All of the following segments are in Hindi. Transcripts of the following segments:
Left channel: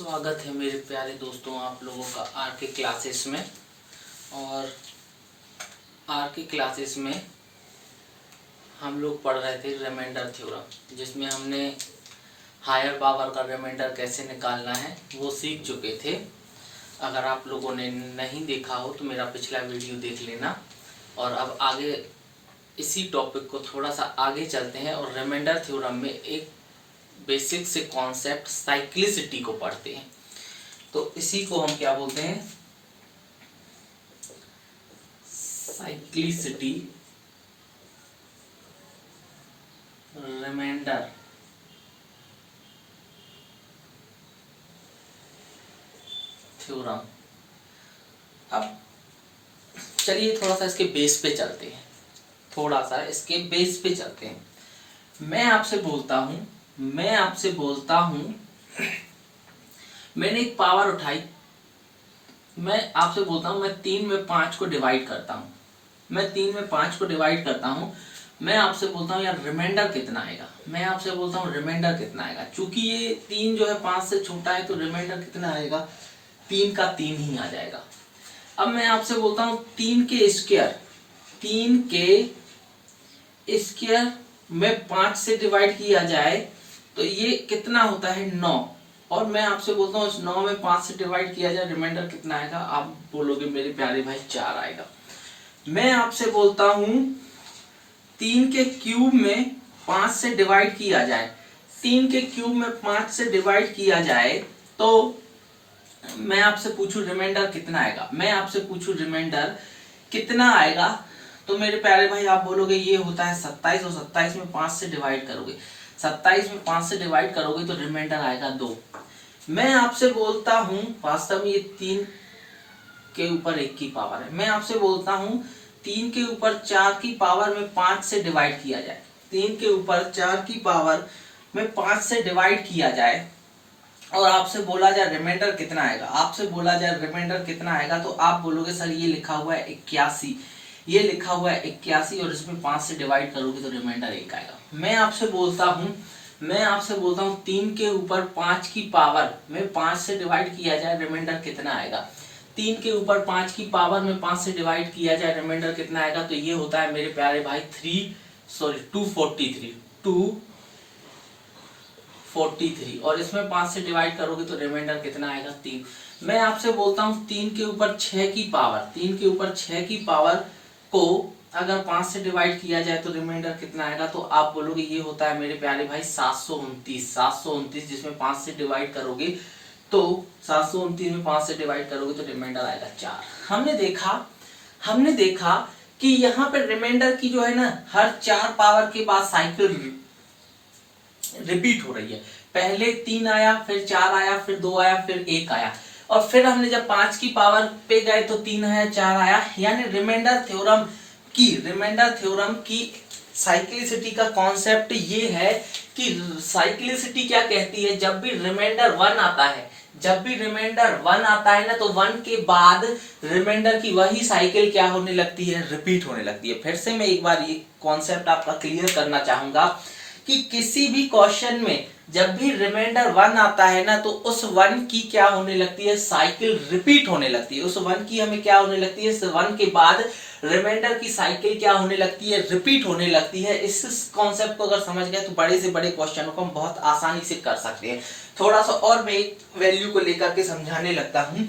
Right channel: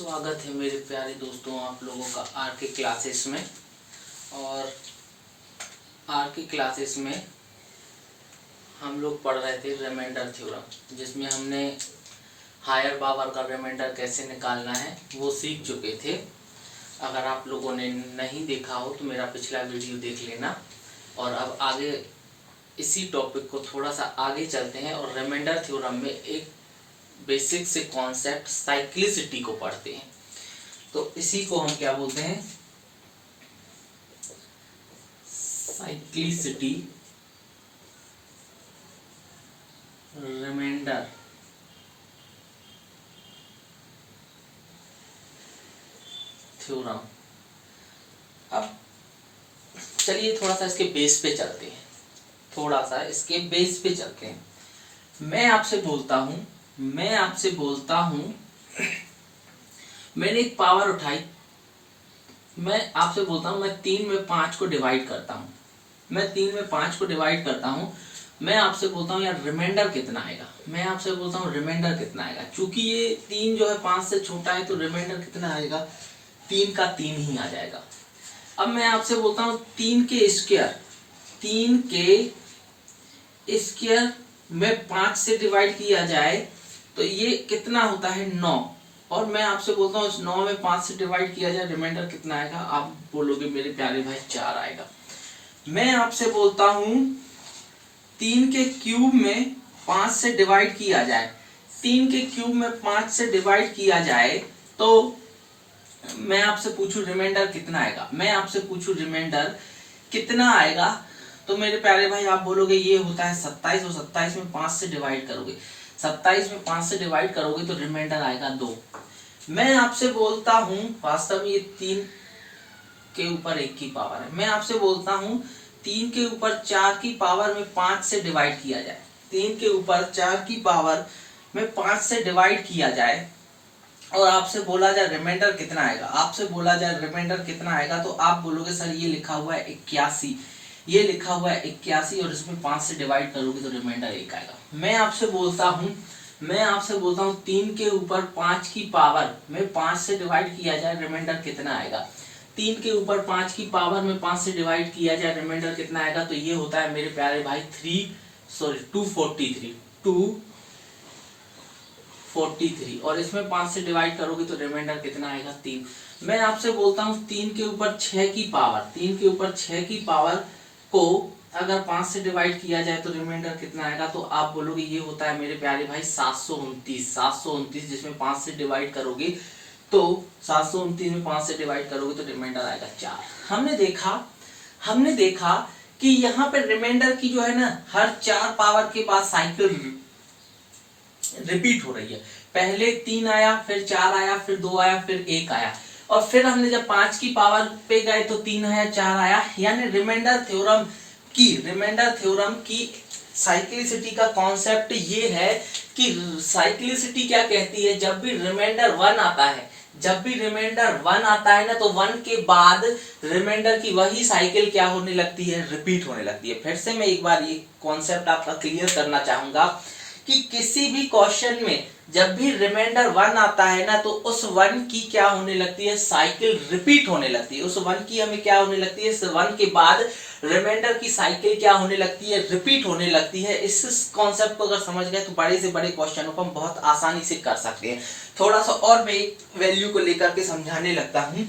स्वागत है मेरे प्यारे दोस्तों आप लोगों का आर के क्लासेस में। और आर के क्लासेस में हम लोग पढ़ रहे थे रिमाइंडर थ्योरम, जिसमें हमने हायर पावर का रिमाइंडर कैसे निकालना है वो सीख चुके थे। अगर आप लोगों ने नहीं देखा हो तो मेरा पिछला वीडियो देख लेना। और अब आगे इसी टॉपिक को थोड़ा सा आगे चलते हैं और रिमाइंडर थ्योरम में एक बेसिक से कॉन्सेप्ट साइक्लिसिटी को पढ़ते हैं। तो इसी को हम क्या बोलते हैं, साइक्लिसिटी रिमाइंडर थ्योरम। अब चलिए थोड़ा सा इसके बेस पे चलते हैं, मैं आपसे बोलता हूं मैंने एक पावर उठाई, मैं आपसे बोलता हूं मैं 3 में 5 को डिवाइड करता हूं, मैं आपसे बोलता हूं यार रिमाइंडर कितना आएगा, चूंकि ये 3 जो है 5 से छोटा है तो रिमाइंडर कितना आएगा, 3 का 3 ही आ जाएगा। अब मैं आपसे बोलता हूं 3 के स्क्वायर में 5 से डिवाइड किया जाए तो ये कितना होता है 9। और मैं आपसे बोलता हूँ 9 में 5 से डिवाइड किया जाए रिमाइंडर कितना आएगा, आप बोलोगे मेरे प्यारे भाई 4 आएगा। मैं आपसे बोलता हूँ 3 के क्यूब में 5 से डिवाइड किया जाए, तो मैं आपसे पूछूं रिमाइंडर कितना आएगा, तो मेरे प्यारे भाई आप बोलोगे ये होता है 27 और 27 में 5 से डिवाइड करोगे, 27 में 5 से डिवाइड करोगे तो रिमाइंडर आएगा 2। मैं आपसे बोलता हूं वास्तव में ये 3 के ऊपर 1 की पावर है, मैं आपसे बोलता हूं 3 के ऊपर 4 की पावर में 5 से डिवाइड किया जाए, 3 के ऊपर 4 की पावर में 5 से डिवाइड किया जाए और आपसे बोला जाए रिमाइंडर कितना आएगा, तो आप बोलोगे सर ये लिखा हुआ है 81, और इसमें 5 से डिवाइड करोगे तो रिमाइंडर 1 आएगा। मैं आपसे बोलता हूं 3 के ऊपर 5 की पावर में 5 से डिवाइड किया जाए रिमाइंडर कितना आएगा, 3 के ऊपर 5 की पावर में 5 से डिवाइड किया जाए रिमाइंडर कितना आएगा, तो ये होता है मेरे प्यारे भाई 243 और इसमें 5 से डिवाइड करोगे तो रिमाइंडर कितना आएगा 3। मैं आपसे बोलता हूं 3 के ऊपर 6 की पावर को अगर 5 से डिवाइड किया जाए तो रिमाइंडर कितना आएगा, तो आप बोलोगे ये होता है मेरे प्यारे भाई 729, जिसमें 5 से डिवाइड करोगे तो 729 में 5 से डिवाइड करोगे तो रिमाइंडर आएगा 4। हमने देखा कि यहाँ पे रिमाइंडर की जो है ना हर 4 पावर के बाद साइकिल रिपीट हो रही है। पहले 3 आया, फिर 4 आया, फिर 2 आया, फिर 1 आया, और फिर हमने जब 5 की पावर पे गए तो 3 आया, 4 आया। यानी रिमाइंडर थ्योरम की साइक्लिसिटी का कॉन्सेप्ट ये है कि साइक्लिसिटी क्या कहती है, जब भी रिमाइंडर 1 आता है ना तो 1 के बाद रिमाइंडर की वही साइकिल क्या होने लगती है, रिपीट होने लगती है। फिर से मैं एक बार ये कॉन्सेप्ट आपका क्लियर करना चाहूंगा कि किसी भी क्वेश्चन में जब भी रिमाइंडर 1 आता है ना तो उस 1 की क्या होने लगती है, साइकिल रिपीट होने लगती है। उस 1 की हमें क्या होने लगती है, 1 के बाद रिमाइंडर की साइकिल क्या होने लगती है, रिपीट होने लगती है। इस कॉन्सेप्ट को अगर समझ गए तो बड़े से बड़े क्वेश्चनों को हम बहुत आसानी से कर सकते हैं। थोड़ा सा और मैं एक वैल्यू को लेकर के समझाने लगता हूं,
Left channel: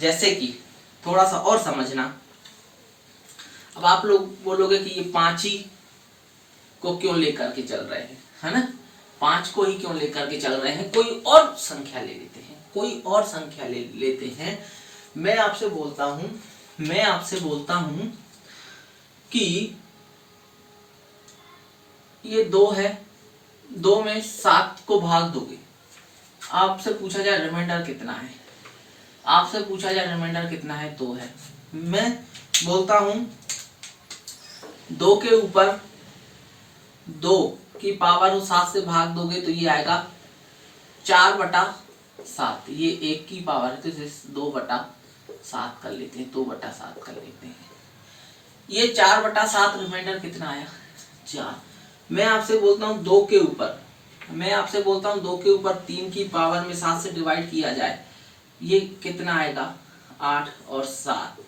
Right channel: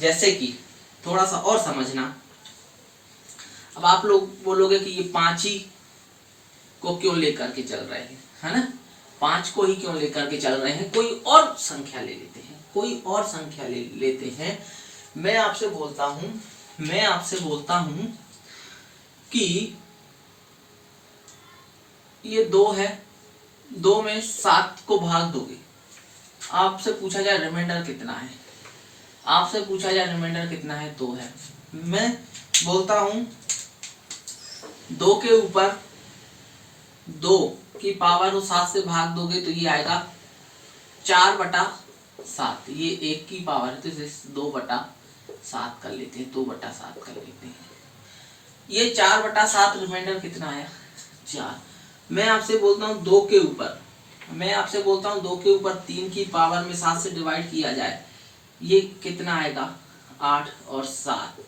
जैसे कि थोड़ा सा और समझना। अब आप लोग बोलोगे कि ये 5 ही को क्यों लेकर के चल रहे हैं, है ना, 5 को ही क्यों लेकर के चल रहे हैं, कोई और संख्या ले लेते हैं। मैं आपसे बोलता हूं कि ये 2 है, 2 में 7 को भाग दोगे, आपसे पूछा जाए रिमाइंडर कितना है, 2 है। मैं बोलता हूं 2 के ऊपर 2 की पावर को 7 से भाग दोगे तो ये आएगा 4/7, ये 1 की पावर है तो इसे 2/7 कर लेते हैं, 2/7 कर लेते हैं। ये 4/7 रिमाइंडर कितना आया, 4। मैं आपसे बोलता हूं 2 के ऊपर मैं आपसे बोलता हूँ 2 के ऊपर 3 की पावर में 7 से डिवाइड किया जाए, ये कितना आएगा 8, और 7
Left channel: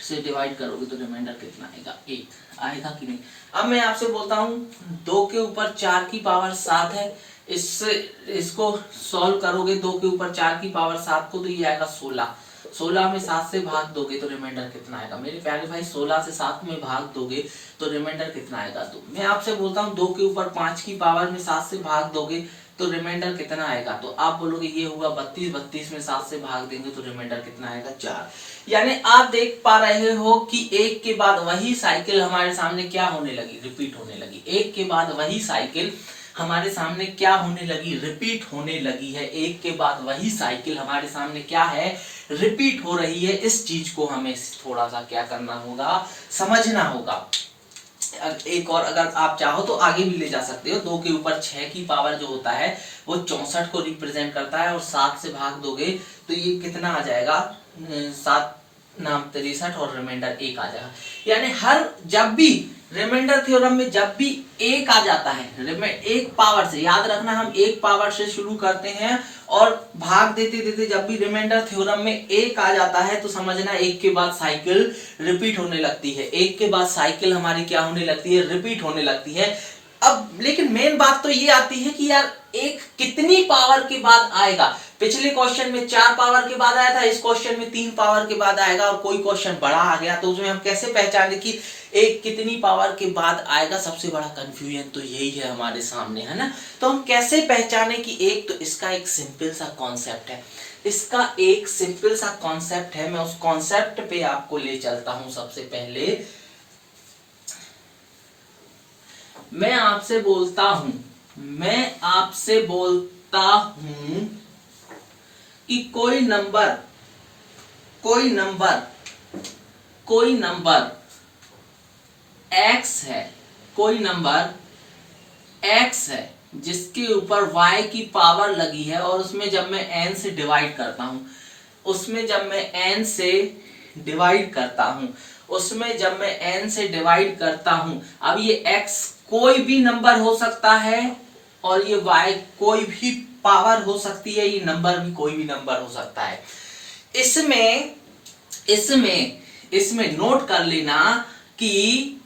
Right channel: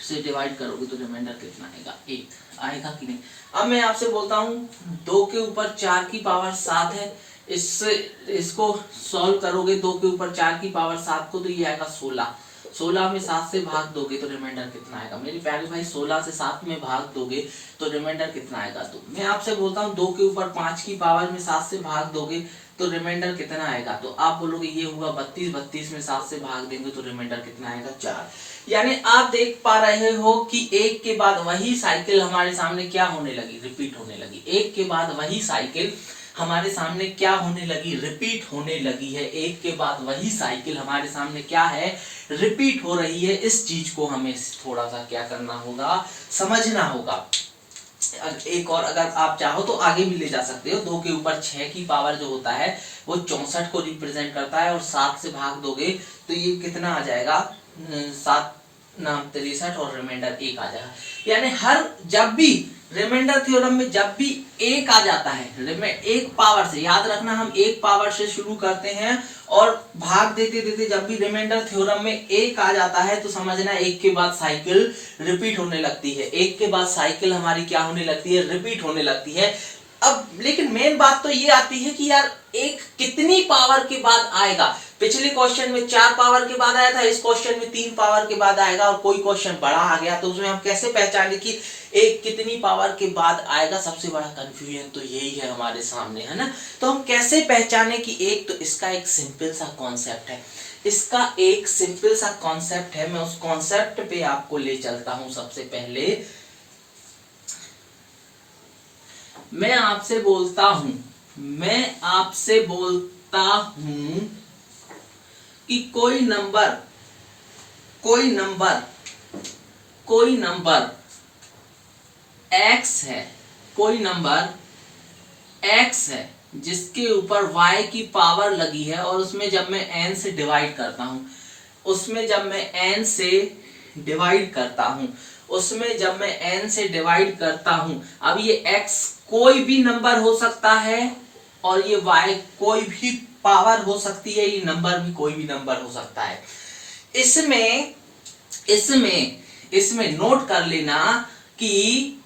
से डिवाइड करोगे तो रिमाइंडर कितना आएगा 1 आएगा कि नहीं। अब मैं आपसे बोलता हूँ 2 के ऊपर 4 की पावर 7 है, इससे इसको सॉल्व करोगे 2 के ऊपर 4 की पावर 7 को, तो ये आएगा 16। 16 में 7 से भाग दोगे तो रिमाइंडर कितना आएगा मेरे प्यारे भाई, 16 से 7 में भाग दोगे तो रिमाइंडर कितना आएगा 2। मैं आपसे बोलता हूँ 2 के ऊपर 5 की पावर में 7 से भाग दोगे तो रिमाइंडर कितना आएगा, तो आप बोलोगे ये हुआ 32, 32 में 7 से भाग देंगे तो रिमाइंडर कितना आएगा 4। यानी आप देख पा रहे हो कि एक के बाद वही साइकिल हमारे सामने क्या होने लगी, रिपीट होने लगी। एक के बाद वही साइकिल हमारे सामने क्या होने लगी, रिपीट होने लगी है। एक के बाद वही साइकिल हमारे सामने क्या है, रिपीट हो रही है। इस चीज को हमें थोड़ा सा क्या करना होगा, समझना होगा। एक और अगर आप चाहो तो आगे भी ले जा सकते हो। 2 के ऊपर 6 की पावर जो होता है वो 64 को रिप्रेजेंट करता है, और 7 से भाग दोगे तो ये कितना आ जाएगा 7 नाम 63, और रिमाइंडर 1 आ जाएगा। यानी हर जब भी रिमाइंडर थ्योरम में जब भी 1 आ जाता है, एक पावर से, याद रखना हम एक पावर से शुरू करते हैं और भाग देते देते जब भी रिमाइंडर थ्योरम में 1 आ जाता है तो समझना 1 के बाद साइकिल रिपीट होने लगती है। 1 के बाद साइकिल हमारी क्या होने लगती है, रिपीट होने लगती है। अब लेकिन मेन बात तो ये आती है कि यार एक कितनी पावर के बाद आएगा। पिछले क्वेश्चन में 4 पावर के बाद आया था, इस क्वेश्चन में 3 पावर के बाद आएगा, और कोई क्वेश्चन बड़ा आ गया तो उसमें हम कैसे पहचाने कि एक कितनी पावर के बाद आएगा। सबसे बड़ा कंफ्यूजन तो यही है हमारे सामने, है ना। तो हम कैसे पहचाने कि एक, तो इसका एक सिंपल सा कॉन्सेप्ट है, इसका एक सिंपल सा कॉन्सेप्ट है। मैं उस कॉन्सेप्ट पे आपको ले चलता हूं। सबसे पहले मैं आपसे बोलता हूं कि कोई नंबर x है, कोई नंबर x है जिसके ऊपर y की पावर लगी है, और उसमें जब मैं n से डिवाइड करता हूं, अब ये x कोई भी नंबर हो सकता है और ये y कोई भी पावर हो सकती है, ये नंबर भी कोई भी नंबर हो सकता है। इसमें नोट कर लेना कि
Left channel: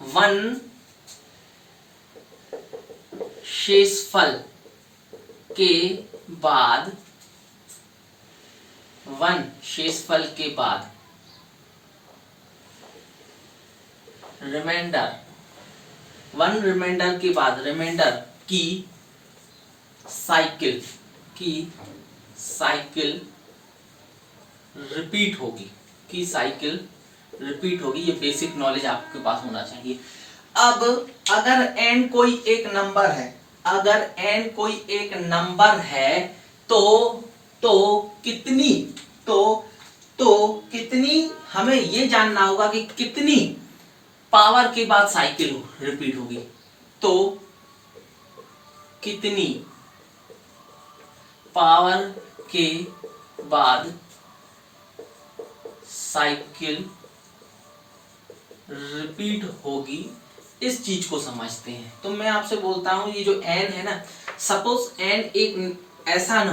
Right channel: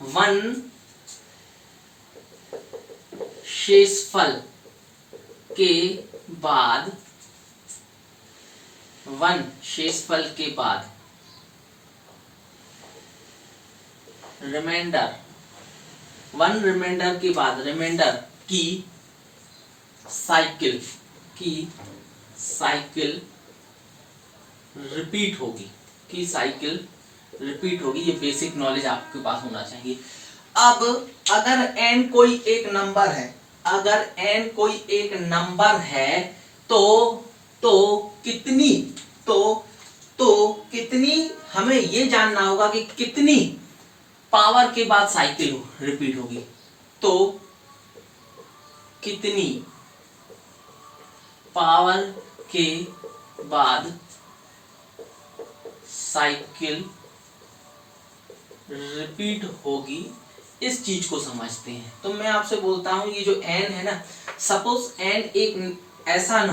1 शेषफल के बाद रिमाइंडर के बाद रिमाइंडर की साइकिल रिपीट होगी। ये बेसिक नॉलेज आपके पास होना चाहिए। अब अगर n कोई एक नंबर है तो कितनी हमें ये जानना होगा कि कितनी पावर के बाद साइकिल रिपीट होगी। तो कितनी पावर के बाद साइकिल रिपीट होगी, इस चीज को समझते हैं। तो मैं आपसे बोलता हूं ये जो n है ना, सपोज n एक ऐसा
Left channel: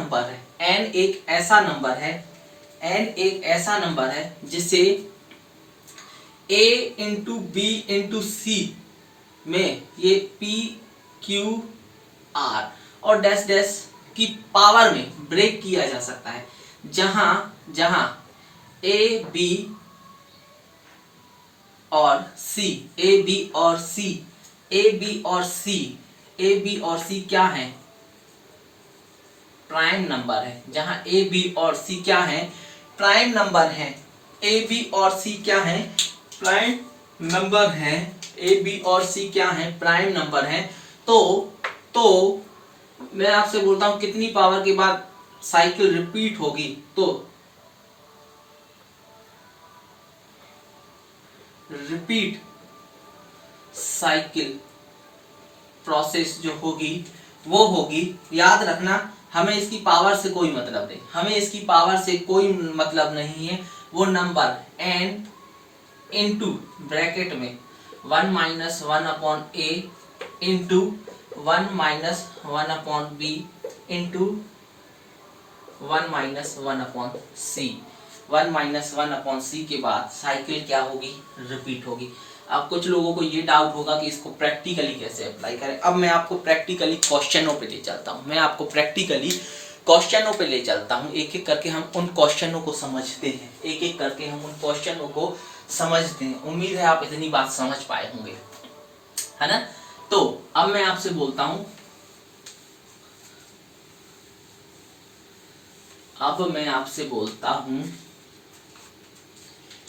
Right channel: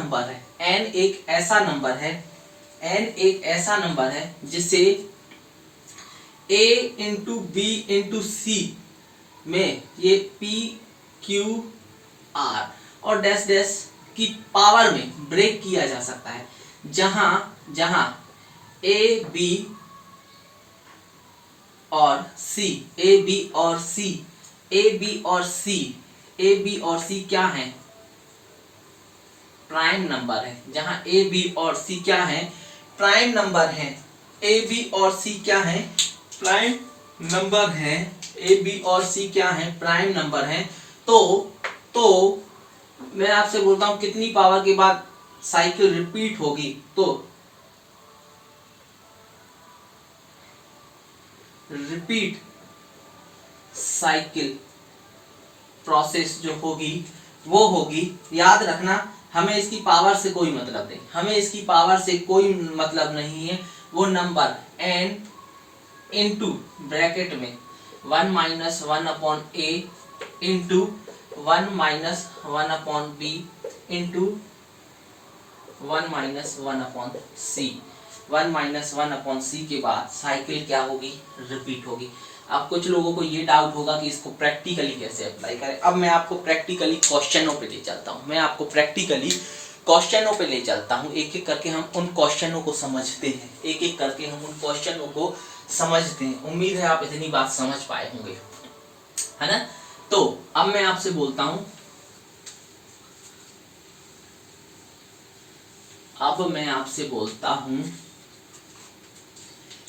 नंबर है जिसे a इंटू बी इंटू सी में ये p q r और डैश डैश की पावर में ब्रेक किया जा सकता है, जहां a b और c क्या है, प्राइम नंबर है। जहां a b और c क्या है, प्राइम नंबर है। a b और c क्या है, प्राइम नंबर है। a b और c क्या है, प्राइम नंबर है। तो मैं आपसे बोलता हूं कितनी पावर के बाद साइकिल रिपीट होगी, तो रिपीट साइकिल प्रोसेस जो होगी वो होगी, याद रखना हमें इसकी पावर से कोई मतलब नहीं है, वो नंबर n इंटू ब्रैकेट में 1 - 1/a into 1 minus 1 upon B into 1 minus 1 upon C. 1 minus 1 upon C के बाद साइकिल क्या होगी, रिपीट होगी। अब कुछ लोगों को ये डाउट होगा कि इसको प्रैक्टिकली कैसे अप्लाई करें। अब मैं आपको प्रैक्टिकली क्वेश्चनों पे ले चलता हूँ, मैं आपको प्रैक्टिकली क्वेश्चनों पे ले चलता हूँ। एक एक करके हम उन क्वेश्चनों को समझते हैं, एक एक करके हम उन क्वेश्चनों को समझते हैं। उम्मीद है आप इतनी बात समझ पाए होंगे, है ना। तो अब मैं आपसे बोलता हूं, अब मैं आपसे बोलता हूं,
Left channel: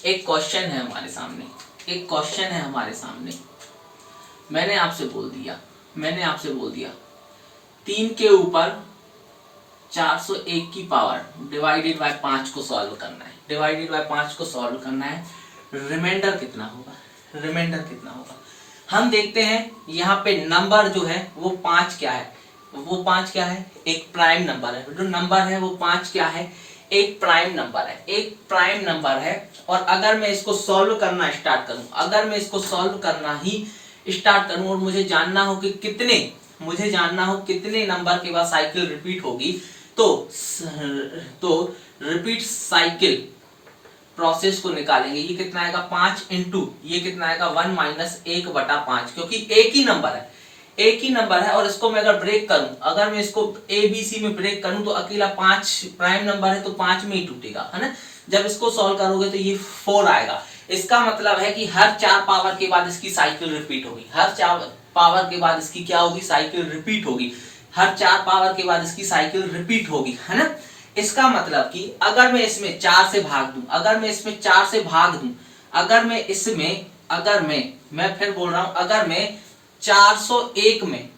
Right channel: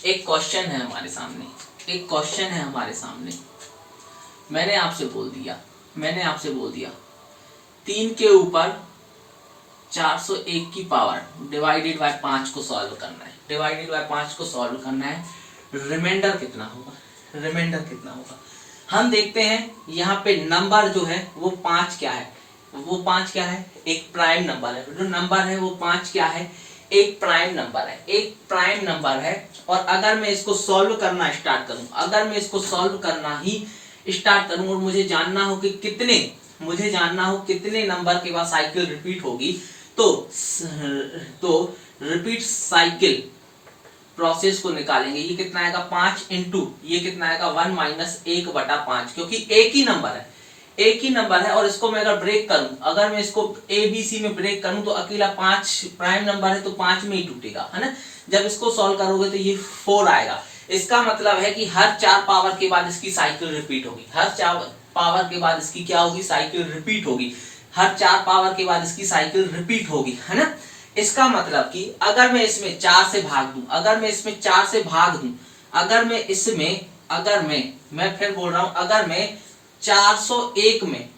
एक क्वेश्चन है हमारे सामने, एक क्वेश्चन है हमारे सामने। मैंने आपसे बोल दिया 3 के ऊपर 401 की पावर डिवाइडेड बाय 5 को सॉल्व करना है, डिवाइडेड बाय 5 को सॉल्व करना है। रिमाइंडर कितना होगा, रिमाइंडर कितना होगा। हम देखते हैं यहाँ पे नंबर जो है वो 5 क्या है, वो 5 क्या है, एक प्राइम नंबर है। जो नंबर है वो 5 क्या है, एक प्राइम नंबर है, एक प्राइम नंबर है। और अगर मैं इसको सॉल्व करना स्टार्ट करूं, अगर मैं इसको सॉल्व करना ही स्टार्ट करूं और मुझे जानना हो कि कितने नंबर के बाद साइकिल रिपीट होगी, तो रिपीट साइकिल प्रोसेस को निकालेंगे। ये कितना आएगा, 5 इंटू ये कितना आएगा 1 माइनस 1/5, क्योंकि एक ही नंबर है, एक ही नंबर है। और इसको मैं अगर ब्रेक करूं, अगर मैं इसको ABC में ब्रेक करूं तो अकेला 5 प्राइम नंबर है तो 5 में ही टूटेगा, है ना। जब इसको सॉल्व करोगे तो ये 4 आएगा। इसका मतलब है कि हर 4 पावर के बाद इसकी साइकिल रिपीट होगी, हर 4 पावर के बाद इसकी क्या होगी, साइकिल रिपीट होगी, हर 4 पावर के बाद इसकी साइकिल रिपीट होगी, है ना। इसका मतलब कि अगर मैं इसमें 4 से भाग दूं, अगर मैं इसमें 4 से भाग दूं, मैं फिर बोल रहा हूं, अगर मैं 401 में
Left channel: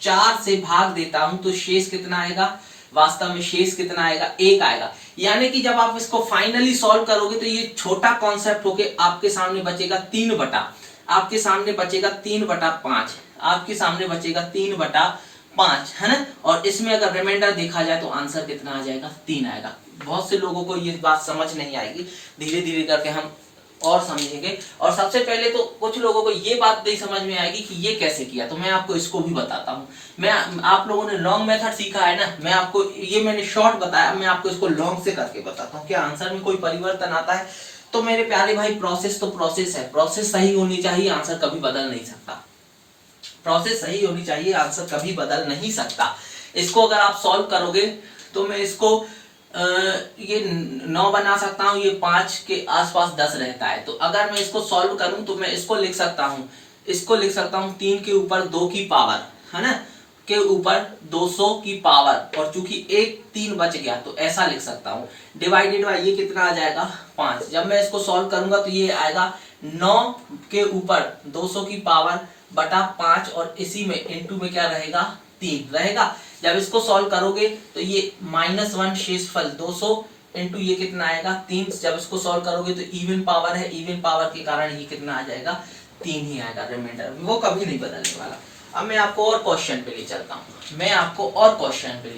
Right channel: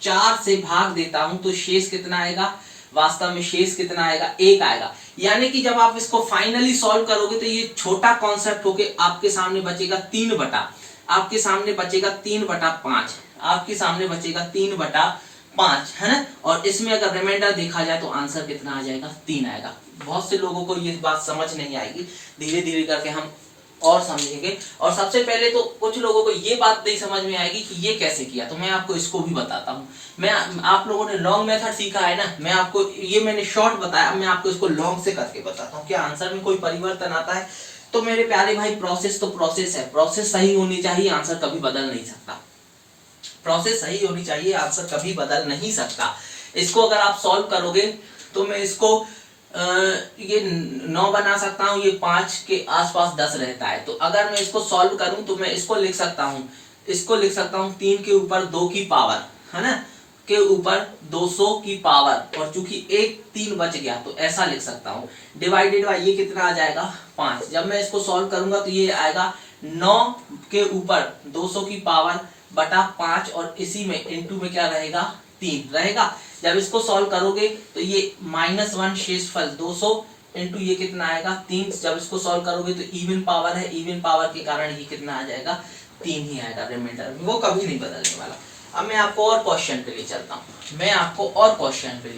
4 से भाग देता हूं तो शेष कितना आएगा, वास्तव में शेष कितना आएगा, 1 आएगा। यानी कि जब आप इसको फाइनली सॉल्व करोगे तो ये छोटा कॉन्सेप्ट होके आपके सामने बचेगा 3/5, आपके सामने बचेगा 3/5, आपके सामने बचेगा 3/5, है ना। और इसमें अगर रिमाइंडर देखा जाए तो आंसर कितना आ जाएगा, 3 आएगा। बहुत से लोगों को ये बात समझ नहीं आएगी, धीरे धीरे करके हम और समझेंगे। और सबसे पहले तो कुछ लोगों को ये बात नहीं समझ में आएगी कि ये कैसे किया, तो मैं आपको इसको भी बताता हूँ। मैं आप लोगों ने लॉन्ग मेथड सीखा है ना, मैं आपको ये मैंने शॉर्ट बताया, मैं आपको इसको लॉन्ग से करके बताता हूँ। क्या आंसर में कोई परिवर्तन आता है? तो मेरे प्यारे भाई प्रोसेस तो प्रोसेस है, प्रोसेस सही होनी चाहिए, आंसर कभी बदल नहीं सकता। प्रोसेस सही होनी चाहिए, आंसर कभी बदल नहीं सकता। इसको अगर आप सॉल्व करोगे तो मैं इसको ये 9 बना सकता हूँ, ये 5 के आसपास 10 रहता है। तो अगर मैं इसको सॉल्व करूं तो मैं इसको लिख सकता हूँ, 3 के ऊपर 2 की पावर, है ना, के ऊपर 200 की पावर। और चूंकि एक 3 बच गया तो ऐसा लिख सकता हूँ, डिवाइडेड बाय ये कितना आ जाएगा 5। जब मैं इसको सॉल्व करूंगा तो ये आएगा 9 के ऊपर 200 की पावर बटा 5, और इसी में इंटू में क्या रहेगा, 3 रहेगा। जब इसको सॉल्व करोगे तो ये -1 शेषफल 200 इंटू ये कितना आएगा 3। जब इसको सॉल्व करोगे तो इवन पावर है, इवन पावर के कारण ये कितना आ जाएगा, 3 ही आएगा रिमाइंडर, वो कभी नहीं बदलने वाला। अब मैं आपको और क्वेश्चन पे ले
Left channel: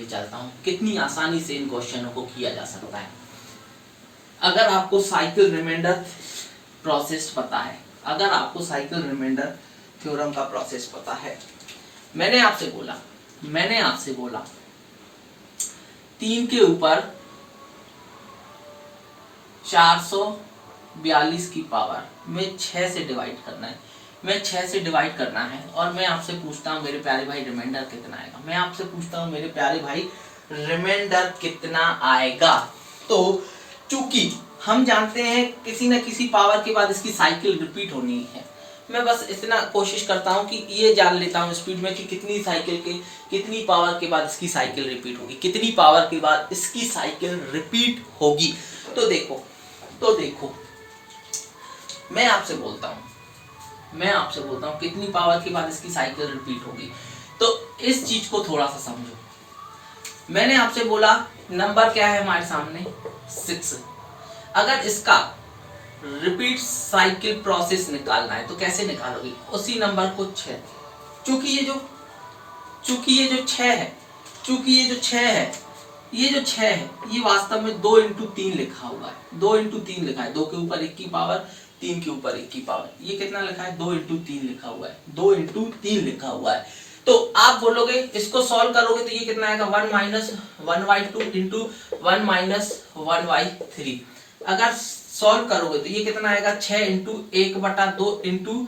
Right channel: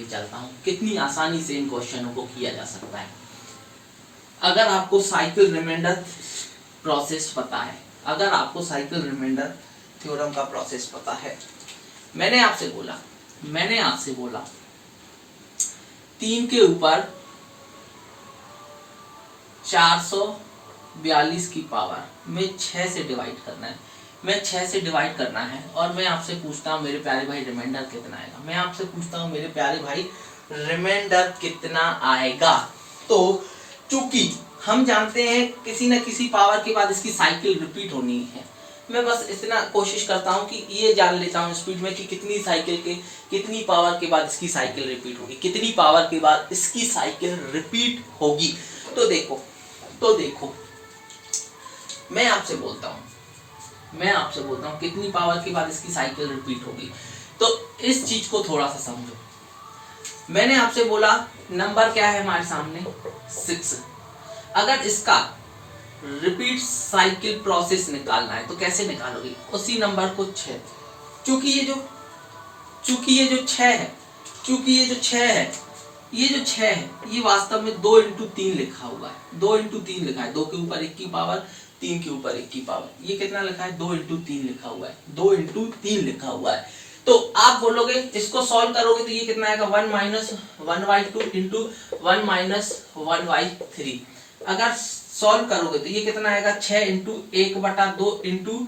चलता हूँ, कितनी आसानी से इन क्वेश्चनों को किया जा सकता है। अगर आपको साइकिल रिमाइंडर प्रोसेस पता है, अगर आपको साइकिल रिमाइंडर थ्योरम का प्रोसेस पता है, मैंने आपसे बोला 3 के ऊपर 442 की पावर में 6 से डिवाइड करना है, और मैं आपसे पूछता हूं मेरे प्यारे भाई रिमाइंडर कितना आएगा, तो चूंकि हम जानते हैं किसी न किसी पावर के बाद इसकी साइकिल रिपीट होनी है, मैं बस इतना कोशिश करता हूं कि ये जान लेता हूं स्पीड में कि कितनी पावर के बाद इसकी साइकिल रिपीट होगी, कितनी पावर के बाद इसकी साइकिल रिपीट होगी। तो देखो मैं आपसे बोलता हूं कितनी पावर के बाद इसकी साइकिल रिपीट होगी। तो इस चीज को थोड़ा सा समझो। मैंने आपसे बोला नंबर क्या है हमारे सामने, 6। अगर इसका रिपीट साइकिल प्रोसेस निकालना है तो कैसे निकालोगे, उसी नंबर को 6, चूंकि ये जो 6 है ये वास्तव में 2 इंटू 3 लिखा हुआ है, 2 इंटू 3 लिखा है, 2 के ऊपर 1 की पावर, 3 के ऊपर 1 की पावर, ये कितना लिखा है, 2 इंटू 3 लिखा हुआ है, 2 इंटू 3 लिखा हुआ है। तो आप बोलोगे इसको सॉल्व करोगे तो ये कितना आएगा 1 माइनस 1/2 इंटू 1 माइनस 1/3। अगर सॉल्व करोगे तो ये कितना आएगा 6 इंटू 1/2 इंटू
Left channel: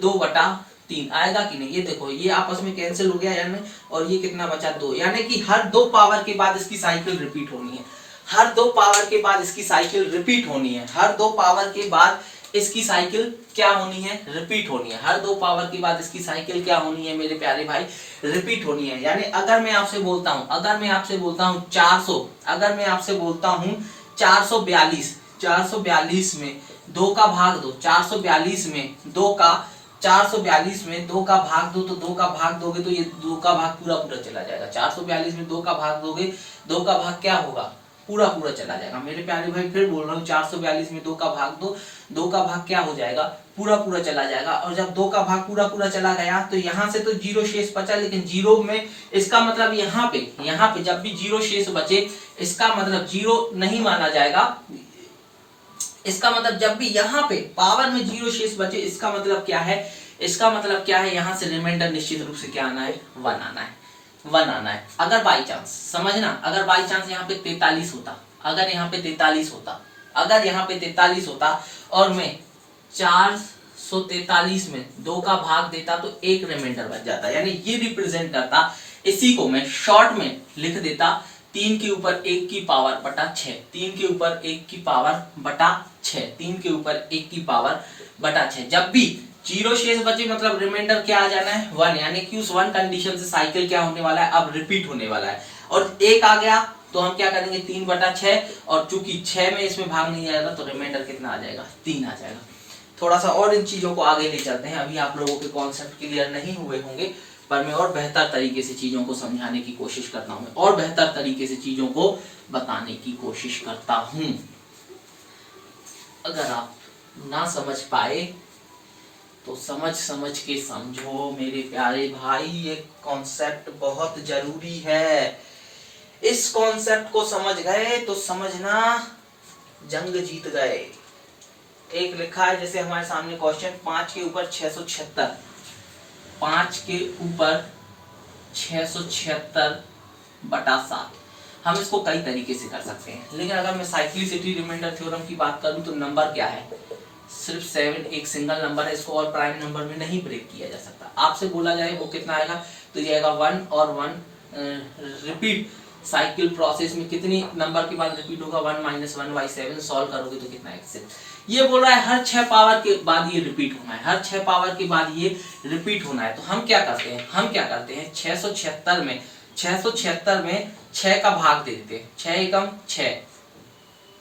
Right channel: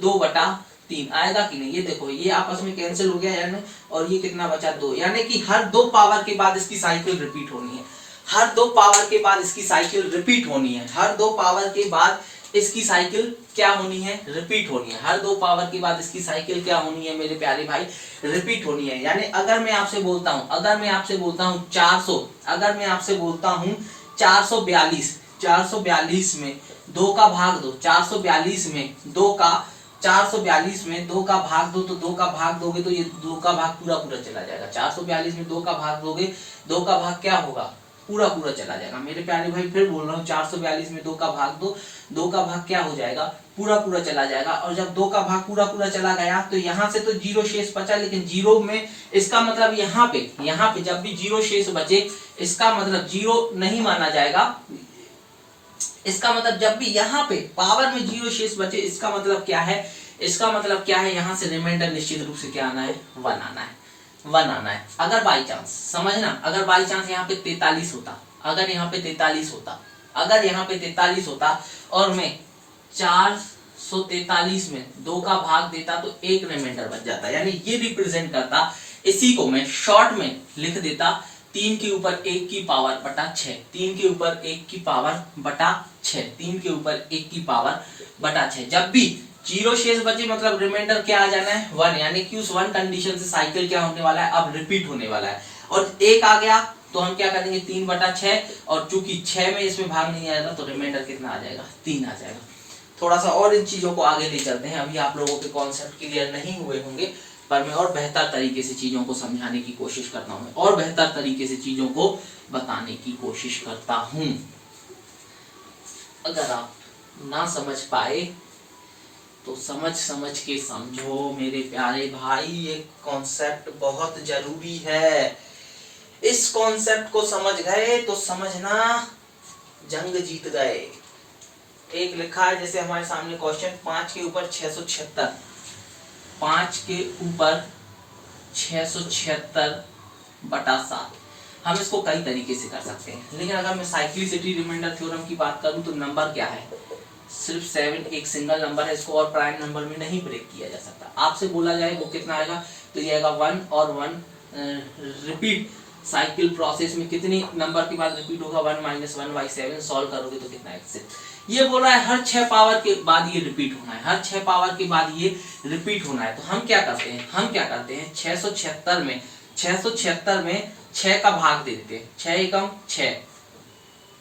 2/3 आएगा कि नहीं। ये देखो ये आपस में कैंसिल हो गया यानी, और ये कितना बचा 2, यानी कि हर 2 पावर के बाद इसकी साइकिल रिपीट होनी है। हर 2 पावर के बाद इसकी साइकिल रिपीट होनी है। हर 2 पावर के बाद इसकी साइकिल क्या होनी है, रिपीट होनी है। हर 2 पावर के बाद इसकी साइकिल क्या होनी है मेरे प्यारे भाई, रिपीट होनी है। यानी अगर मैं आपसे बोलता हूं 400, अगर मैं आपसे बोलता हूं 442 में 2 का भाग दो, 442 में 2 का 442 में 2 का भाग दो, तो 2 का भाग दोगे तो ये 2 का भाग पूरा पूरा चला जाएगा। 442 में 2 का भाग दोगे, 2 का भाग क्या होगा, पूरा पूरा चला जाएगा। मेरे प्यारे भाई फिर बोल रहा हूँ 442 में 2 का भाग दो, 2 का भाग क्या हो जाएगा, पूरा पूरा चला जाएगा। और जब 2 का भाग पूरा पूरा चला गया तो यहाँ से तो 0 शेष बचा, लेकिन 0 में इसका मतलब यहाँ पे जब भी 0 शेष बचे इसका मतलब 0 नहीं माना जाएगा। इसका मतलब जब भी यहाँ पे पावर में 0 शेष बचे इसका मतलब क्या है, इसका मतलब क्या है, यहाँ से रिमाइंडर निश्चित रूप से क्या आना है, 1 आना है, 1 आना है। अगर बाई चांस समझना, अगर बाई चांस यहाँ पे 43 होता, अगर यहाँ पे 43 होता, अगर यहाँ पे 43 होता और मैं 443 में 2 का भाग देता तो एक रिमाइंडर बच जाता, यानी ये रिप्रेजेंट करता। इसी को मैं शॉर्ट में लिख देता 3 के ऊपर 1 की पावर बटा 6, 3 के ऊपर 1 की पावर बटा 6, 3 के ऊपर 1 की पावर बटा 6। जब भी 0 शेष बचे मतलब रिमाइंडर क्या आ जाना है, 1, यानी कि उस 1 कंडीशन से साइकिल क्या होने वाला है, अब रिपीट होने वाला है। और 1 आ गया तो हम क्या करेंगे 3/6, और चूंकि 6 में इसमें भाग नहीं आएगा तो रिमाइंडर कितना आ जाएगा, 3 आ जाएगा। थोड़ा सा और इन चीजों को आगे ले चलते हैं। अभी आप लोगों के कॉन्सेप्ट क्लियर नहीं हुए होंगे, पर मैं और बेहतर तरीके से चीजों को समझाने की कोशिश करता हूं, और बेहतर तरीके से चीजों को बताने की कोशिश करता हूं। अगर आप ना समझ पाए तो समझ के समझो मेरे प्यारे भाई, ये कॉन्सेप्ट बहुत जरूरी है। इस कॉन्सेप्ट को समझ गए तो समझना जंग जीत गए। एक लिखा है जैसे हमारे सामने क्वेश्चन 5 के ऊपर 676, 5 के ऊपर 676/7। हम इसको कई तरीके से कर सकते हैं, लेकिन अगर मैं साइक्लिसिटी रिमाइंडर थ्योरम की बात करूं तो नंबर क्या है, सिर्फ 7 एक सिंगल नंबर है, इसको और प्राइम नंबर में नहीं ब्रेक किया जा सकता। आपसे बोला जाए वो कितना आएगा, तो ये आएगा 1 और 1 रिपीट साइकिल प्रोसेस में कितनी नंबर के बाद रिपीट होगा, 1 - 1/7। सॉल्व करोगे तो कितना आएगा, ये बोल रहा है हर 6 पावर के बाद ये रिपीट होना है, हर 6 पावर के बाद ये रिपीट होना है। तो हम क्या करते हैं, 676 में 6 का भाग दे देते हैं, 6 एकम 6,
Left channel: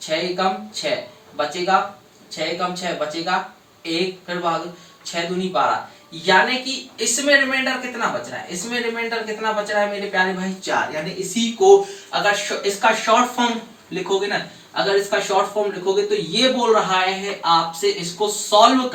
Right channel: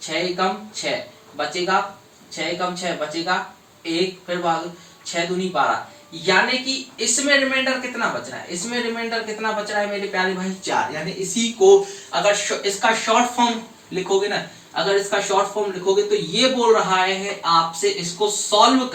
6 एकम 6 बचेगा, 6 एकम 6 बचेगा 1, फिर भाग 6 दूनी 12, यानी कि इसमें रिमाइंडर कितना बच रहा है, इसमें रिमाइंडर कितना बच रहा है मेरे प्यारे भाई, 4। यानी इसी को अगर इसका शॉर्ट फॉर्म लिखोगे ना, अगर इसका शॉर्ट फॉर्म लिखोगे तो ये बोल रहा है आपसे इसको सॉल्व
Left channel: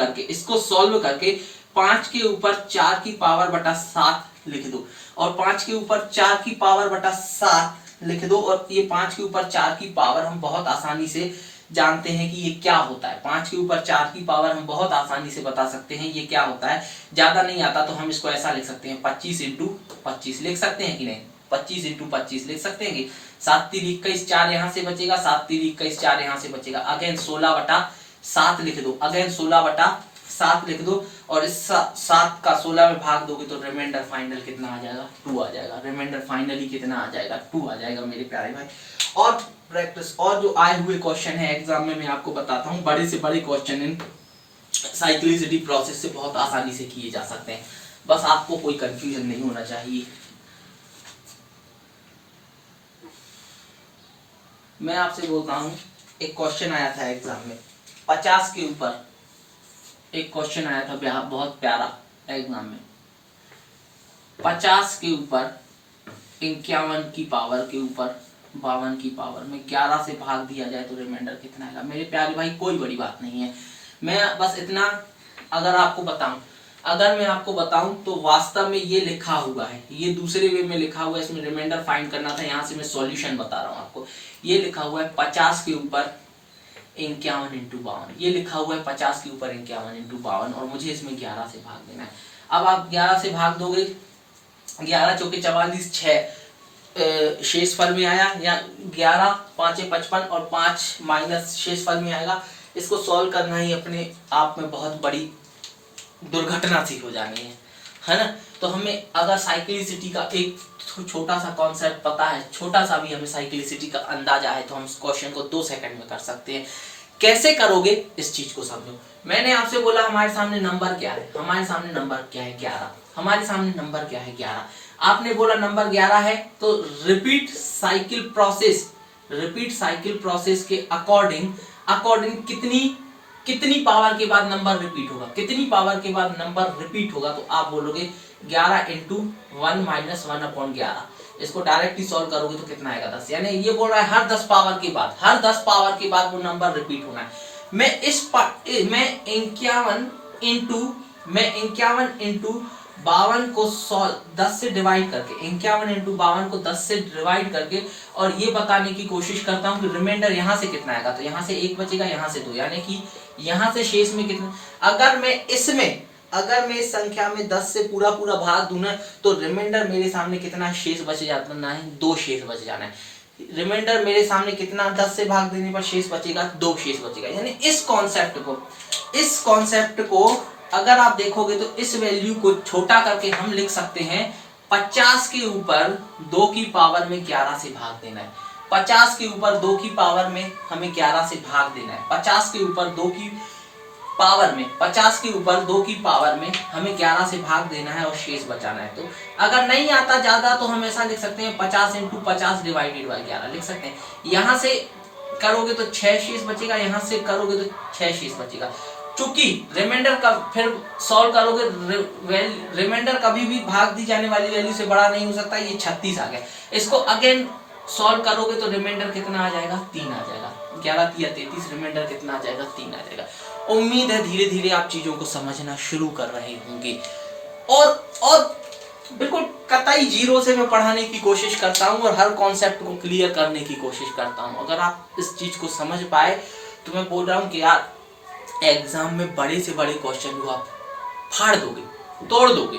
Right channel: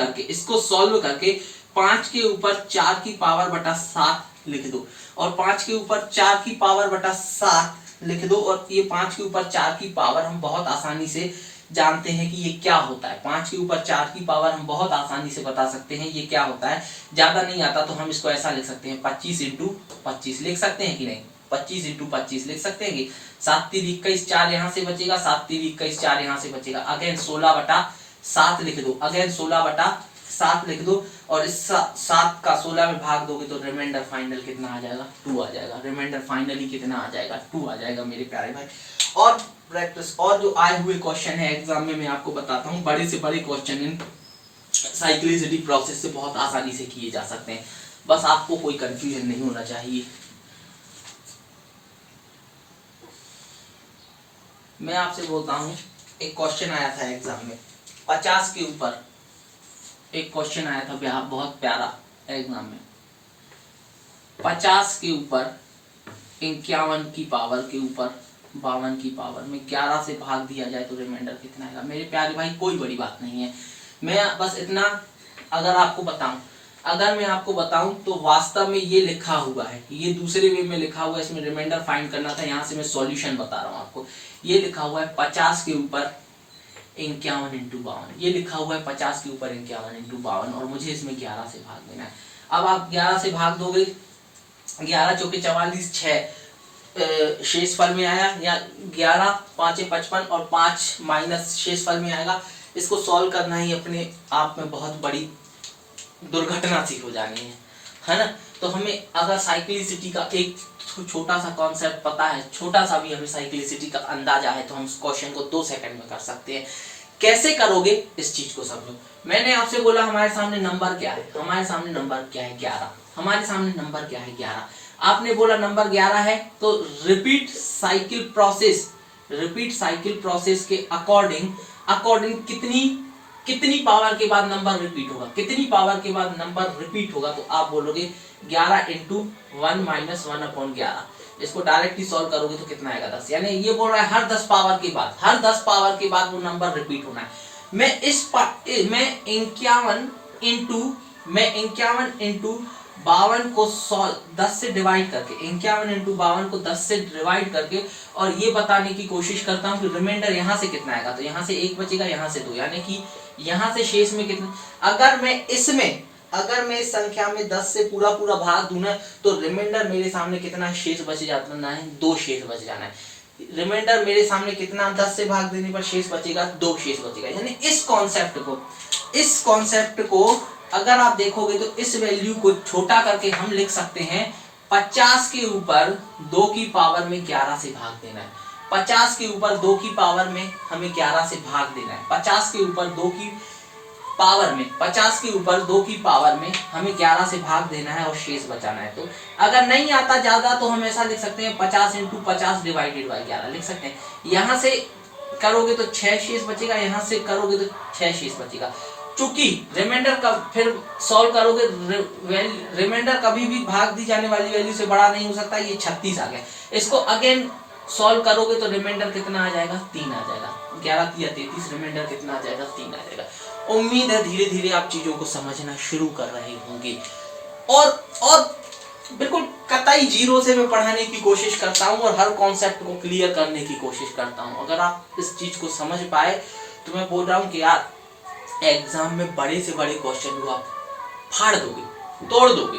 करके 5 के ऊपर 4 की पावर बटा 7 लिख दो, और 5 के ऊपर 4 की पावर बटा 7 लिख दो। और ये 5 के ऊपर 4 की पावर हम बहुत आसानी से जानते हैं कि ये क्या होता है। 5 के ऊपर 4 की पावर हम बहुत आसानी से बता सकते हैं ये क्या होता है। ज्यादा नहीं आता तो हम इसको ऐसा लिख सकते हैं, 25 × 25 लिख सकते हैं कि नहीं, 25 × 25 लिख सकते हैं कि 7 × 3 = 21, 4 यहाँ से बचेगा, 7 × 3 = 21, 4 यहाँ से बचेगा। अगेन 16/7 लिख दो, अगेन 16/7 लिख दो, और इस 7 का 16 में भाग दोगे तो रिमाइंडर फाइनल कितना आ जाएगा, 2 आ जाएगा। रिमाइंडर फाइनली कितना आ जाएगा, 2 आ जाएगा मेरे प्यारे भाई। और प्रैक्टिस और जो आए हुए क्वेश्चन है एग्जाम में मैं आपको बताता हूँ, बड़े से बड़े क्वेश्चन इन साइक्लिसिटी प्रोसेस से बहुत आसानी से किए जा सकते हैं, बस आपको कोई कंफ्यूजन नहीं होना चाहिए। मैं आपसे बोलता हूँ, एक क्वेश्चन आया था एग्जाम में 50 के ऊपर, एक क्वेश्चन आया था बहुत प्यारा एग्जाम में, 50 के ऊपर 51 की पावर के ऊपर 52 की पावर में 11 से भाग दिया जाए तो रिमाइंडर कितना आएगा। मेरे प्यारे भाई कोई बड़ी बात नहीं है, मैं बस इतना अगर मैं आपको बताऊं तो वास्तव में ये लिखा हुआ है, ये दूसरे वे में लिखा हुआ है, इसमें रिमाइंडर फाइंड करना था, यहाँ से मैं सॉल्यूशन बता रहा हूँ आपको। ये लिखा हुआ है 50 के ऊपर 51 × 52, ये लिखा हुआ है 50 के ऊपर 51 × 52, और मुझे इसमें 11 से भाग देना है। अब आप 11 से भाग दोगे 11 चौके 44, 6 शेषफल में आया, या 11 5 55 और 5 माइनस शेषफल में आएगा। इसको सॉल्व करना ही अपने आप में बहुत बड़ी दुर्घटना सी हो जानी है ना। तो हमें अगर साइक्लिसिटी का एक छोटा सा कॉन्सेप्ट पता है, छोटा सा भी हमें साइक्लिसिटी का अंदाजा है, तो हम इस क्वेश्चन को 2 सेकंड में कर सकते हैं। कैसे करोगे इस चीज को समझो। मैंने आपसे बोला हमारे सामने नंबर क्या है, हमारे सामने नंबर क्या है 11, हमारे सामने नंबर क्या है 11। आपने बोला नंबर 11 है, तो रिपीट साइकिल प्रोसेस के अकॉर्डिंग कितनी पावर के बाद नंबर रिपीट होगा, कितनी पावर के बाद नंबर रिपीट होगा, तो आप बोलोगे 11 इंटू 1 माइनस 1/11। इसको डायरेक्टली सॉल्व करोगे तो कितना आएगा 10। यानी ये बोल रहा है हर 10 पावर के बाद वो नंबर रिपीट होना है। मैं 51 इंटू 52 को 10 से डिवाइड करके, 51 इंटू 52 को 10 से डिवाइड करके और ये बताने की कोशिश करता हूँ कि रिमाइंडर यहाँ से कितना आएगा। तो यहाँ से 1 बचेगा, यहाँ से 2, यानी कि यहाँ से शेष में कितना। अगर मैं इस संख्या में 10 से पूरा भाग दूं ना, तो रिमाइंडर मेरे सामने कितना शेष बच जाता है, 2 शेष बच जाना है। रिमाइंडर मेरे सामने कितना, 10 से भाग देने पर शेष बचेगा, 2 शेष बचेगा। यानी इस कॉन्सेप्ट को अगर आप देखोगे तो इस वैल्यू को छोटा करके हम लिख सकते हैं 50 के ऊपर 2 की पावर में 11 से भाग देना है। 50 के ऊपर 2 की पावर में हमें 11 से भाग देना है। 50 के ऊपर 2 की पावर में हमें 11 से भाग देना है और शेष बचाना है। तो अगर नहीं आता ज्यादा तो हम ऐसा लिख सकते हैं 50 इंटू 50 डिवाइडेड बाई 11 लिख सकते हैं। यहां से करोगे तो 6 शेष बचेगा, यहां से करोगे तो 6 शेष बचेगा। चूंकि रिमाइंडर का फिर सॉल्व करोगे, रिमाइंडर कभी भी भाग दी जाने वाली वैल्यू से बड़ा नहीं हो सकता। ये 36 आ गया। इसको अगेन सॉल्व करोगे तो रिमाइंडर कितना आ जाएगा, 3 आ जाएगा। 11 3 33, रिमाइंडर कितना आ जाएगा, 3 आ जाएगा। उम्मीद है धीरे धीरे आप चीजों को समझना शुरू कर रहे होंगे। और बिल्कुल कतई जीरो से मैं पढ़ाने की कोशिश करता हूं और हर कॉन्सेप्ट को क्लियर करने की कोशिश करता हूं। अगर आप इस चीज को समझ पाए तो मैं बोल रहा हूं कि यार एग्जाम में बड़े से बड़े क्वेश्चन को आप फाड़ दोगे, तोड़ दोगे,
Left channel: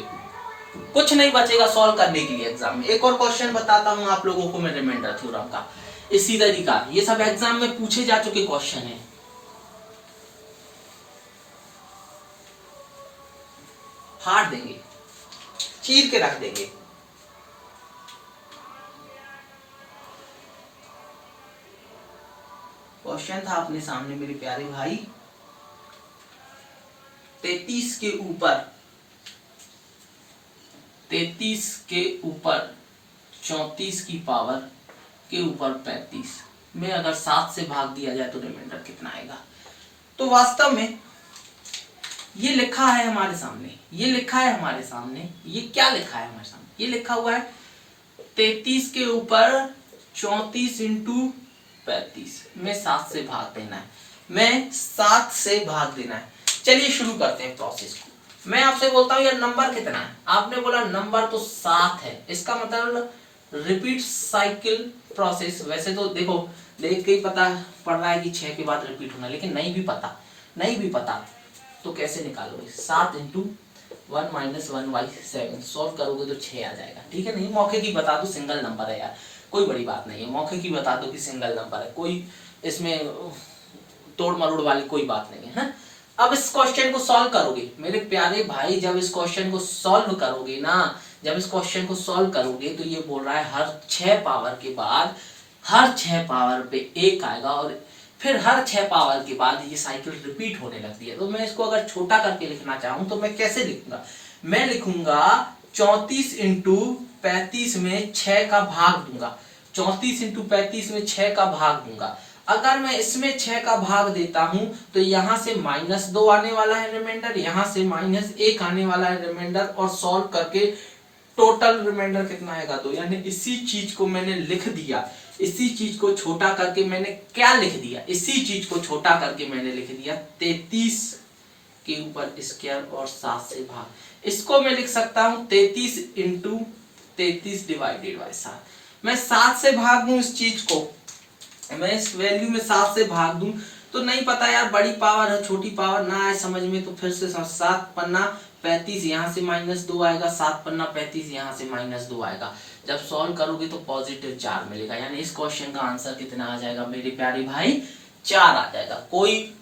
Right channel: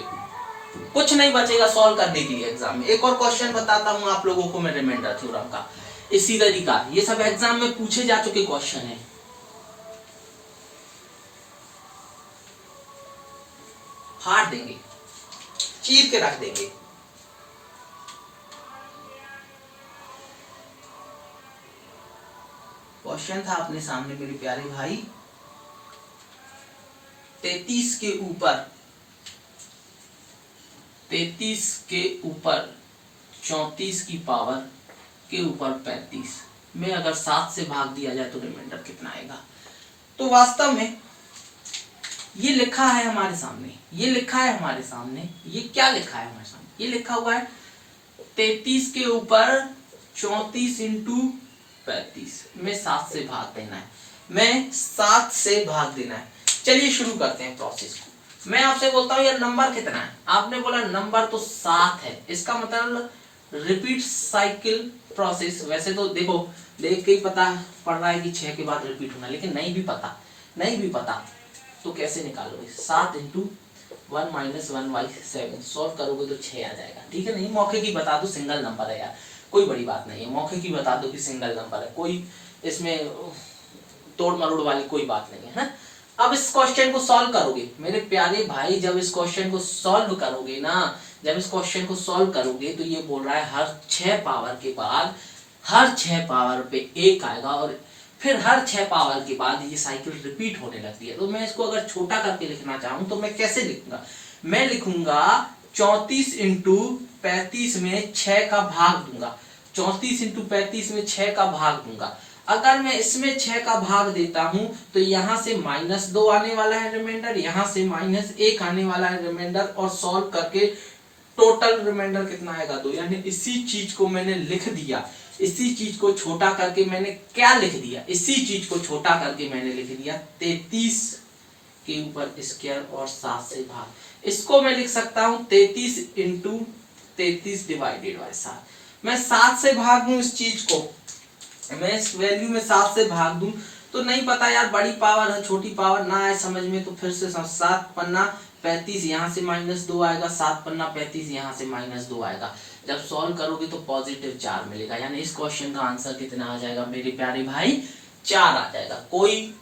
कुछ नहीं बचेगा सॉल्व करने के लिए एग्जाम में। एक और क्वेश्चन बताता हूं आप लोगों को मैं रिमाइंडर थ्योरम का, इसी तरीका। ये सब एग्जाम में पूछे जा चुके क्वेश्चन है। फाड़ देंगे, चीर के रख देंगे। क्वेश्चन था अपने सामने मेरे प्यारे भाई, 33 के ऊपर 34 की पावर के ऊपर 35 में अगर 7 से भाग दिया जाए तो रिमाइंडर कितना आएगा। तो वास्तव में ये लिखा है हमारे सामने, ये क्या लिखा है हमारे सामने, ये लिखा हुआ है 33 के ऊपर 34 इंटू 35 में 7 से भाग देना है। चलिए शुरू करते हैं प्रोसेस को। मैं आपसे बोलता हूं यार नंबर कितना है, आपने बोला नंबर तो 7 है, इसका मतलब रिपीट साइकिल प्रोसेस। वैसे तो देखो देख के ही पता पड़ रहा है कि 6 के बाद रिपीट होना, लेकिन नहीं भी पता तो कैसे निकालोगे। 7 इंटू 1 माइनस 1/7 सॉल्व करोगे तो 6 आ जाएगा। ठीक है, नहीं मौके की बता दो सिंगल नंबर है यार, कोई बड़ी बात नहीं है। मौके की बता दो कि सिंगल नंबर है, कोई इसमें तोड़ मरोड़ वाली कोई बात नहीं है ना। अब इस क्वेश्चन को सॉल्व करोगे मेरे प्यारे भाई, जब इस क्वेश्चन को सॉल्व करोगे तो ये बोल रहा है हर 6 पावर के बाद हर 6 पावर पे 1 आएगा और फिर हर 6 पावर के बाद ये साइकिल रिपीट होने लगती है। तो मैं इसको अगर छोटा करके लिखना चाहूं तो मैं कैसे लिखूंगा, मैं लिखूंगा 34 इंटू 35 में 6 का भाग दूंगा। 34 इंटू 35 में 6 का भाग दूंगा। अगर मैं इसमें 6 का भाग देता हूं तो यहां से -2 आने वाला है रिमाइंडर, यहां से -1 आने वाला है रिमाइंडर, और सॉल्व करके टोटल रिमाइंडर कितना आएगा 2। यानी इसी चीज को मैंने लिख दिया, इसी चीज को छोटा करके मैंने क्या लिख दिया, इसी चीज को छोटा करके मैंने लिख दिया 33 के ऊपर स्क्वायर और 7 से भाग। इसको मैं लिख सकता हूं 33 इंटू 33 डिवाइडेड बाय 7। मैं 7 से भाग दूं इस चीज को, मैं इस वैल्यू में 7 से भाग दूं तो नहीं पता यार बड़ी पावर है छोटी पावर ना आए समझ में, तो फिर से 7 पन्ना 35 यहाँ से -2 आएगा, 7 पन्ना 35 यहाँ से -2 आएगा। जब सॉल्व करोगे तो +4 मिलेगा, यानी इस क्वेश्चन का आंसर कितना आ जाएगा मेरे प्यारे भाई, 4 आ जाएगा। कोई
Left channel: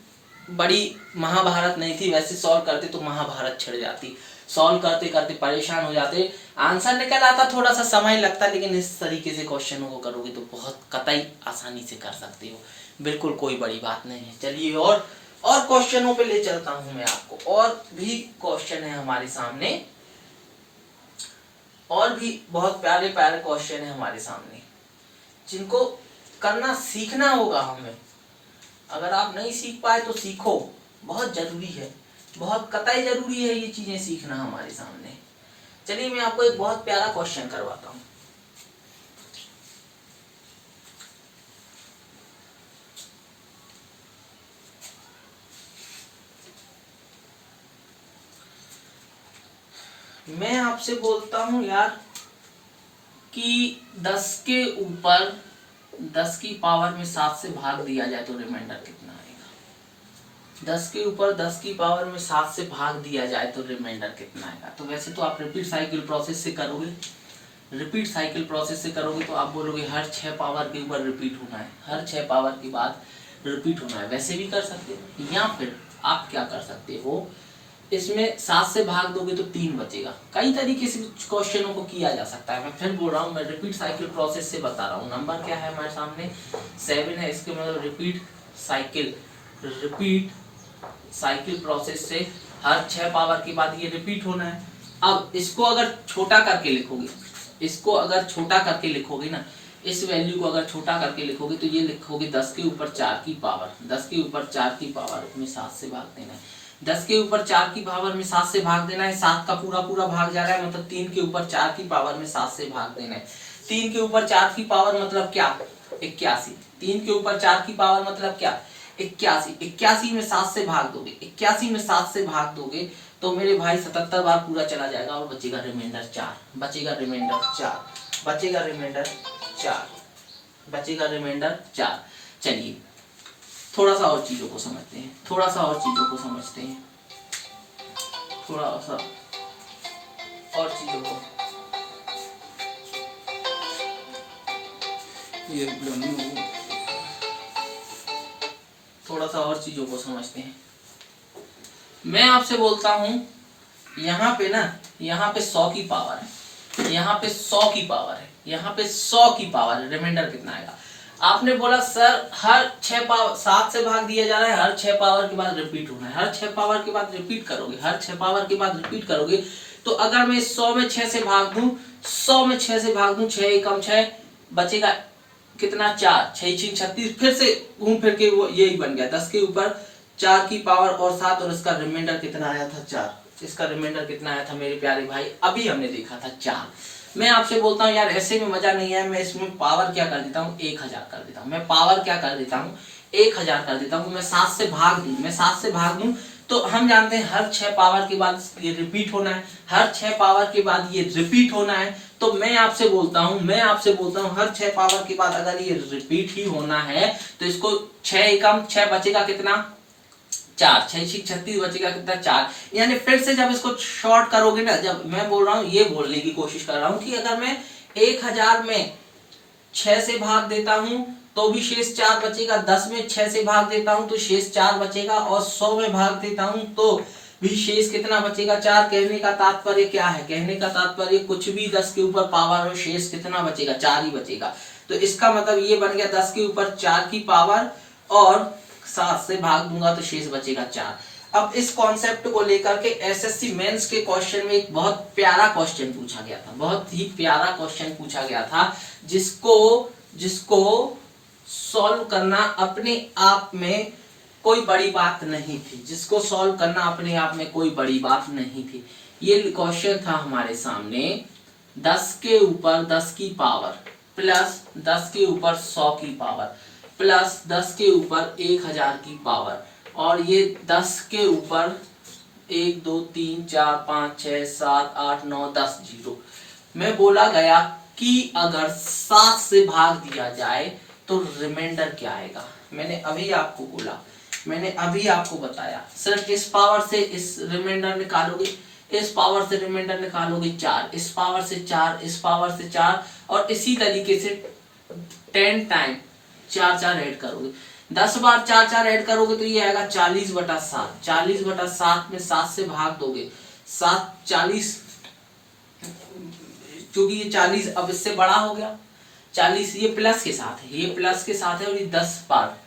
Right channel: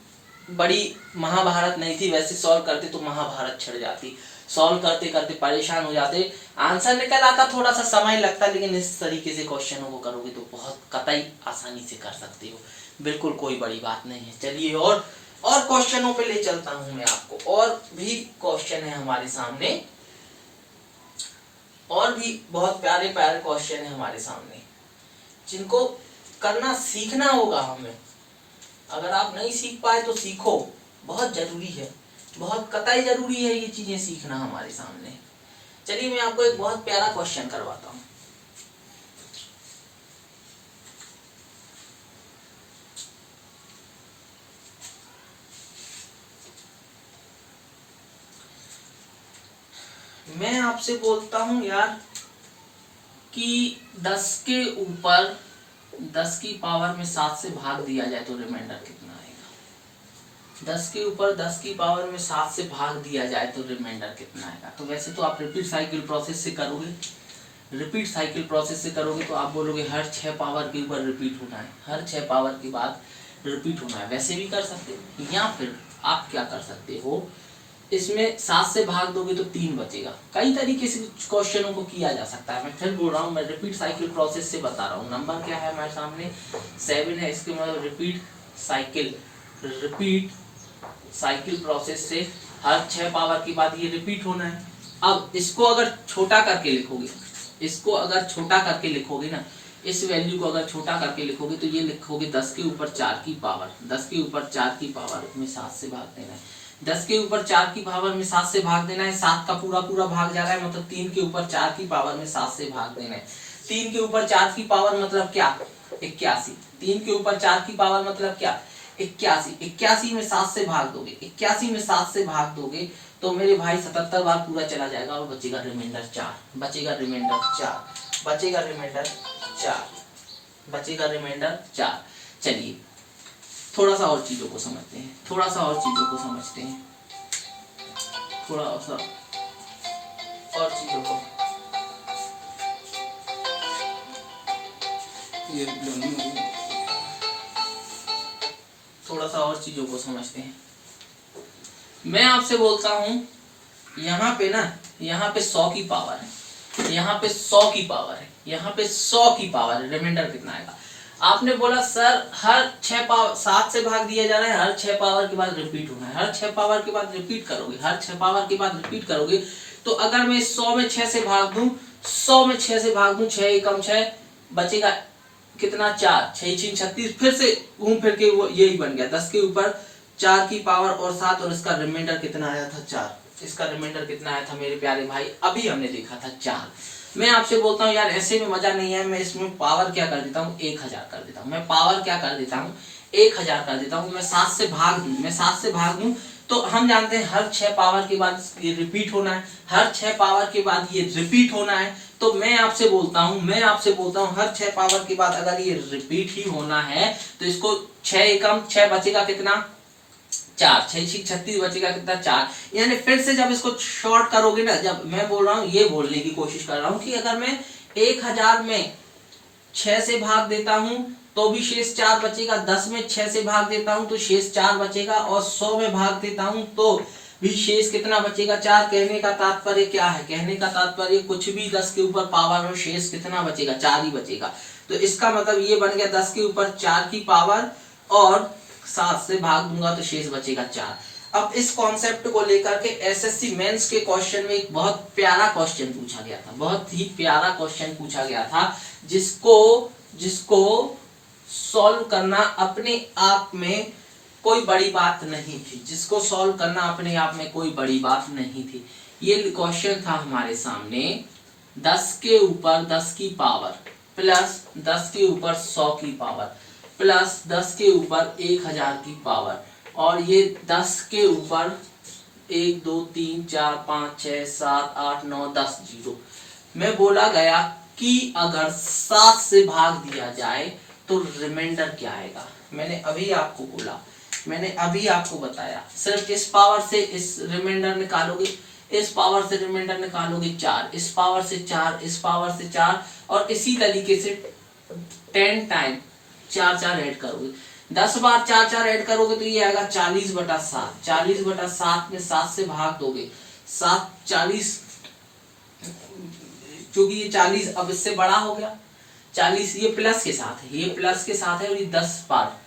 बड़ी महाभारत नहीं थी, वैसे सॉल्व करते तो महाभारत छिड़ जाती, सॉल्व करते करते परेशान हो जाते, आंसर निकल आता, थोड़ा सा समय लगता, लेकिन इस तरीके से क्वेश्चनों को करोगे तो बहुत कतई आसानी से कर सकते हो, बिल्कुल कोई बड़ी बात नहीं है। चलिए और क्वेश्चनों पे ले चलता हूं मैं आपको, और भी क्वेश्चन है हमारे सामने, और भी बहुत प्यारे प्यारे क्वेश्चन है हमारे सामने, जिनको करना सीखना होगा हमें। अगर आप नहीं सीख पाए तो सीखो, बहुत जरूरी है, बहुत कतई जरूरी है ये चीजें सीखना हमारे सामने। चलिए मैं आपको एक बहुत प्यारा क्वेश्चन करवाता हूं। मैं आपसे बोलता हूं यार कि 10 के ऊपर 10 की पावर में 7 से भाग दिया जाए तो रिमाइंडर कितना आएगा। 10 के ऊपर 10 की पावर में 7 से भाग दिया जाए तो रिमाइंडर कितना आएगा। तो वैसे तो आप रिपीट साइकिल प्रोसेस से करोगे, रिपीट साइकिल प्रोसेस से करोगे तो आप बोलोगे हर 6 पावर के ऊपर रिपीट होना है, हर 6 पावर के बाद रिपीट होना है। वैसे भी कर सकते हो, या फिर आप क्या कर सकते हो, इसमें 7 से भाग दोगे तो 3 बचेगा। कई तरीके से क्वेश्चनों को किया जा सकता है। मैं फिर बोल रहा हूँ, मैं रिपीट साइकिल प्रोसेस से बता रहा हूँ। नंबर क्या है हमारे सामने, 7 है, इसके मतलब रिपीट साइकिल प्रोसेस से हर 6 पावर के बाद ये रिपीट होना है। अब इसको अगर छोटा करके लिखोगे, इसको अगर छोटा करके लिखोगे ना, इस वैल्यू को अगर छोटा करके लिखोगे तो ये लिखोगे 10 के ऊपर 4 की पावर, 10 के ऊपर 4 की पावर में 7 से भाग देना है। 10 के ऊपर 4 की पावर में 7 से भाग देना है, 7 का पूरा पूरा भाग जा रहा है, मतलब 3 के ऊपर 4 की पावर में 7 से भाग देना है। 3 के ऊपर 4 की पावर मतलब क्या, 81। 3 के ऊपर 4 की पावर मतलब क्या, 81। 81 में 7 से भाग दोगे, 81 में 7 से भाग दोगे तो मेरे भाई 77 बार पूरा चला जाएगा और बचेगा रिमाइंडर 4, बचेगा रिमाइंडर 4, बचेगा रिमाइंडर 4, बचेगा रिमाइंडर 4। चलिए थोड़ा सा और चीजों को समझते हैं, थोड़ा सा और चीजों को समझते हैं, थोड़ा सा और चीजों को, थोड़ा सा और चीजों को समझते हैं। मैं आपसे बोलता हूं यहाँ पे ना, यहाँ पे 100 की पावर है, यहाँ पे 100 की पावर है, यहाँ पे 100 की पावर है, रिमाइंडर कितना आएगा। आपने बोला सर हर 6 पावर 7 से भाग दिया जा रहा है, हर 6 पावर के बाद रिपीट होना है, हर 6 पावर के बाद रिपीट करोगे, हर 6 पावर के बाद रिपीट करोगे। तो अगर मैं 100 में 6 से भाग दूं, 100 में 6 से भाग दूं, 6 एकम 6, बचेगा कितना, 4, 6 6 36, फिर से घूम फिर के वो यही बन गया, 10 के ऊपर 4 की पावर और 7, और इसका रिमाइंडर कितना आया था, 4। इसका रिमाइंडर कितना आया था मेरे प्यारे भाई, अभी हमने देखा था 4। मैं आपसे बोलता हूँ यार ऐसे में मजा नहीं है, मैं इसमें पावर क्या कर देता हूँ, 1000 कर देता हूँ, मैं पावर क्या कर देता हूँ, 1000 कर देता हूँ। मैं 7 से भाग दूं, मैं 7 से भाग दूं तो हम जानते हैं हर 6 पावर के बाद ये रिपीट होना है, हर 6 पावर के बाद ये रिपीट होना है। तो मैं आपसे बोलता हूं हर 6 पावर के बाद अगर ये रिपीट ही होना है तो इसको 6 एकम 6 बचेगा कितना, 4, 6 6 36 बचेगा कितना, 4। यानी फिर से जब इसको शॉर्ट करोगे ना, जब मैं बोल रहा हूँ ये बोलने की कोशिश कर रहा हूँ कि अगर मैं 1000 में 6 से भाग देता हूं तो भी शेष 4 बचेगा, 10 में 6 से भाग देता हूं तो शेष 4 बचेगा, और 100 में भाग देता हूं तो भी शेष कितना बचेगा, 4। कहने का तात्पर्य क्या है, कहने का तात्पर्य कुछ भी 10 के ऊपर पावर हो, शेष कितना बचेगा, 4 ही बचेगा। तो इसका मतलब ये बन गया 10 के ऊपर 4 की पावर और 7 से भाग दूंगा तो शेष बचेगा 4। अब इस कॉन्सेप्ट को लेकर के एसएससी मेंस के क्वेश्चन में एक बहुत प्यारा क्वेश्चन पूछा गया था, बहुत ही प्यारा क्वेश्चन पूछा गया था, जिसको सॉल्व करना अपने आप में कोई बड़ी बात नहीं थी, जिसको सॉल्व करना अपने आप में कोई बड़ी बात नहीं थी। ये क्वेश्चन था हमारे सामने, 10 के ऊपर 10 की पावर प्लस 10 के ऊपर 100 की पावर प्लस 10 के ऊपर 1000 की पावर, और ये 10 के ऊपर 1 2 3 4 5 6 7 8 9 10 जीरो में बोला गया कि अगर 7 से भाग दिया जाए तो रिमाइंडर क्या आएगा। मैंने अभी आपको बोला, मैंने अभी आपको बताया, सिर्फ इस पावर से इस रिमाइंडर निकालोगे, इस पावर से रिमाइंडर निकालोगे 4, इस पावर से 4, इस पावर से 4, और इसी तरीके से 10 टाइम 4 ऐड करोगे। 10 बार 4 ऐड करोगे तो ये आएगा 40/7। 40/7 में 7 से भाग दोगे, 7 40, क्योंकि ये 40 अब इससे बड़ा हो गया, 40 ये प्लस के साथ है, ये प्लस के साथ है, और ये 10 बार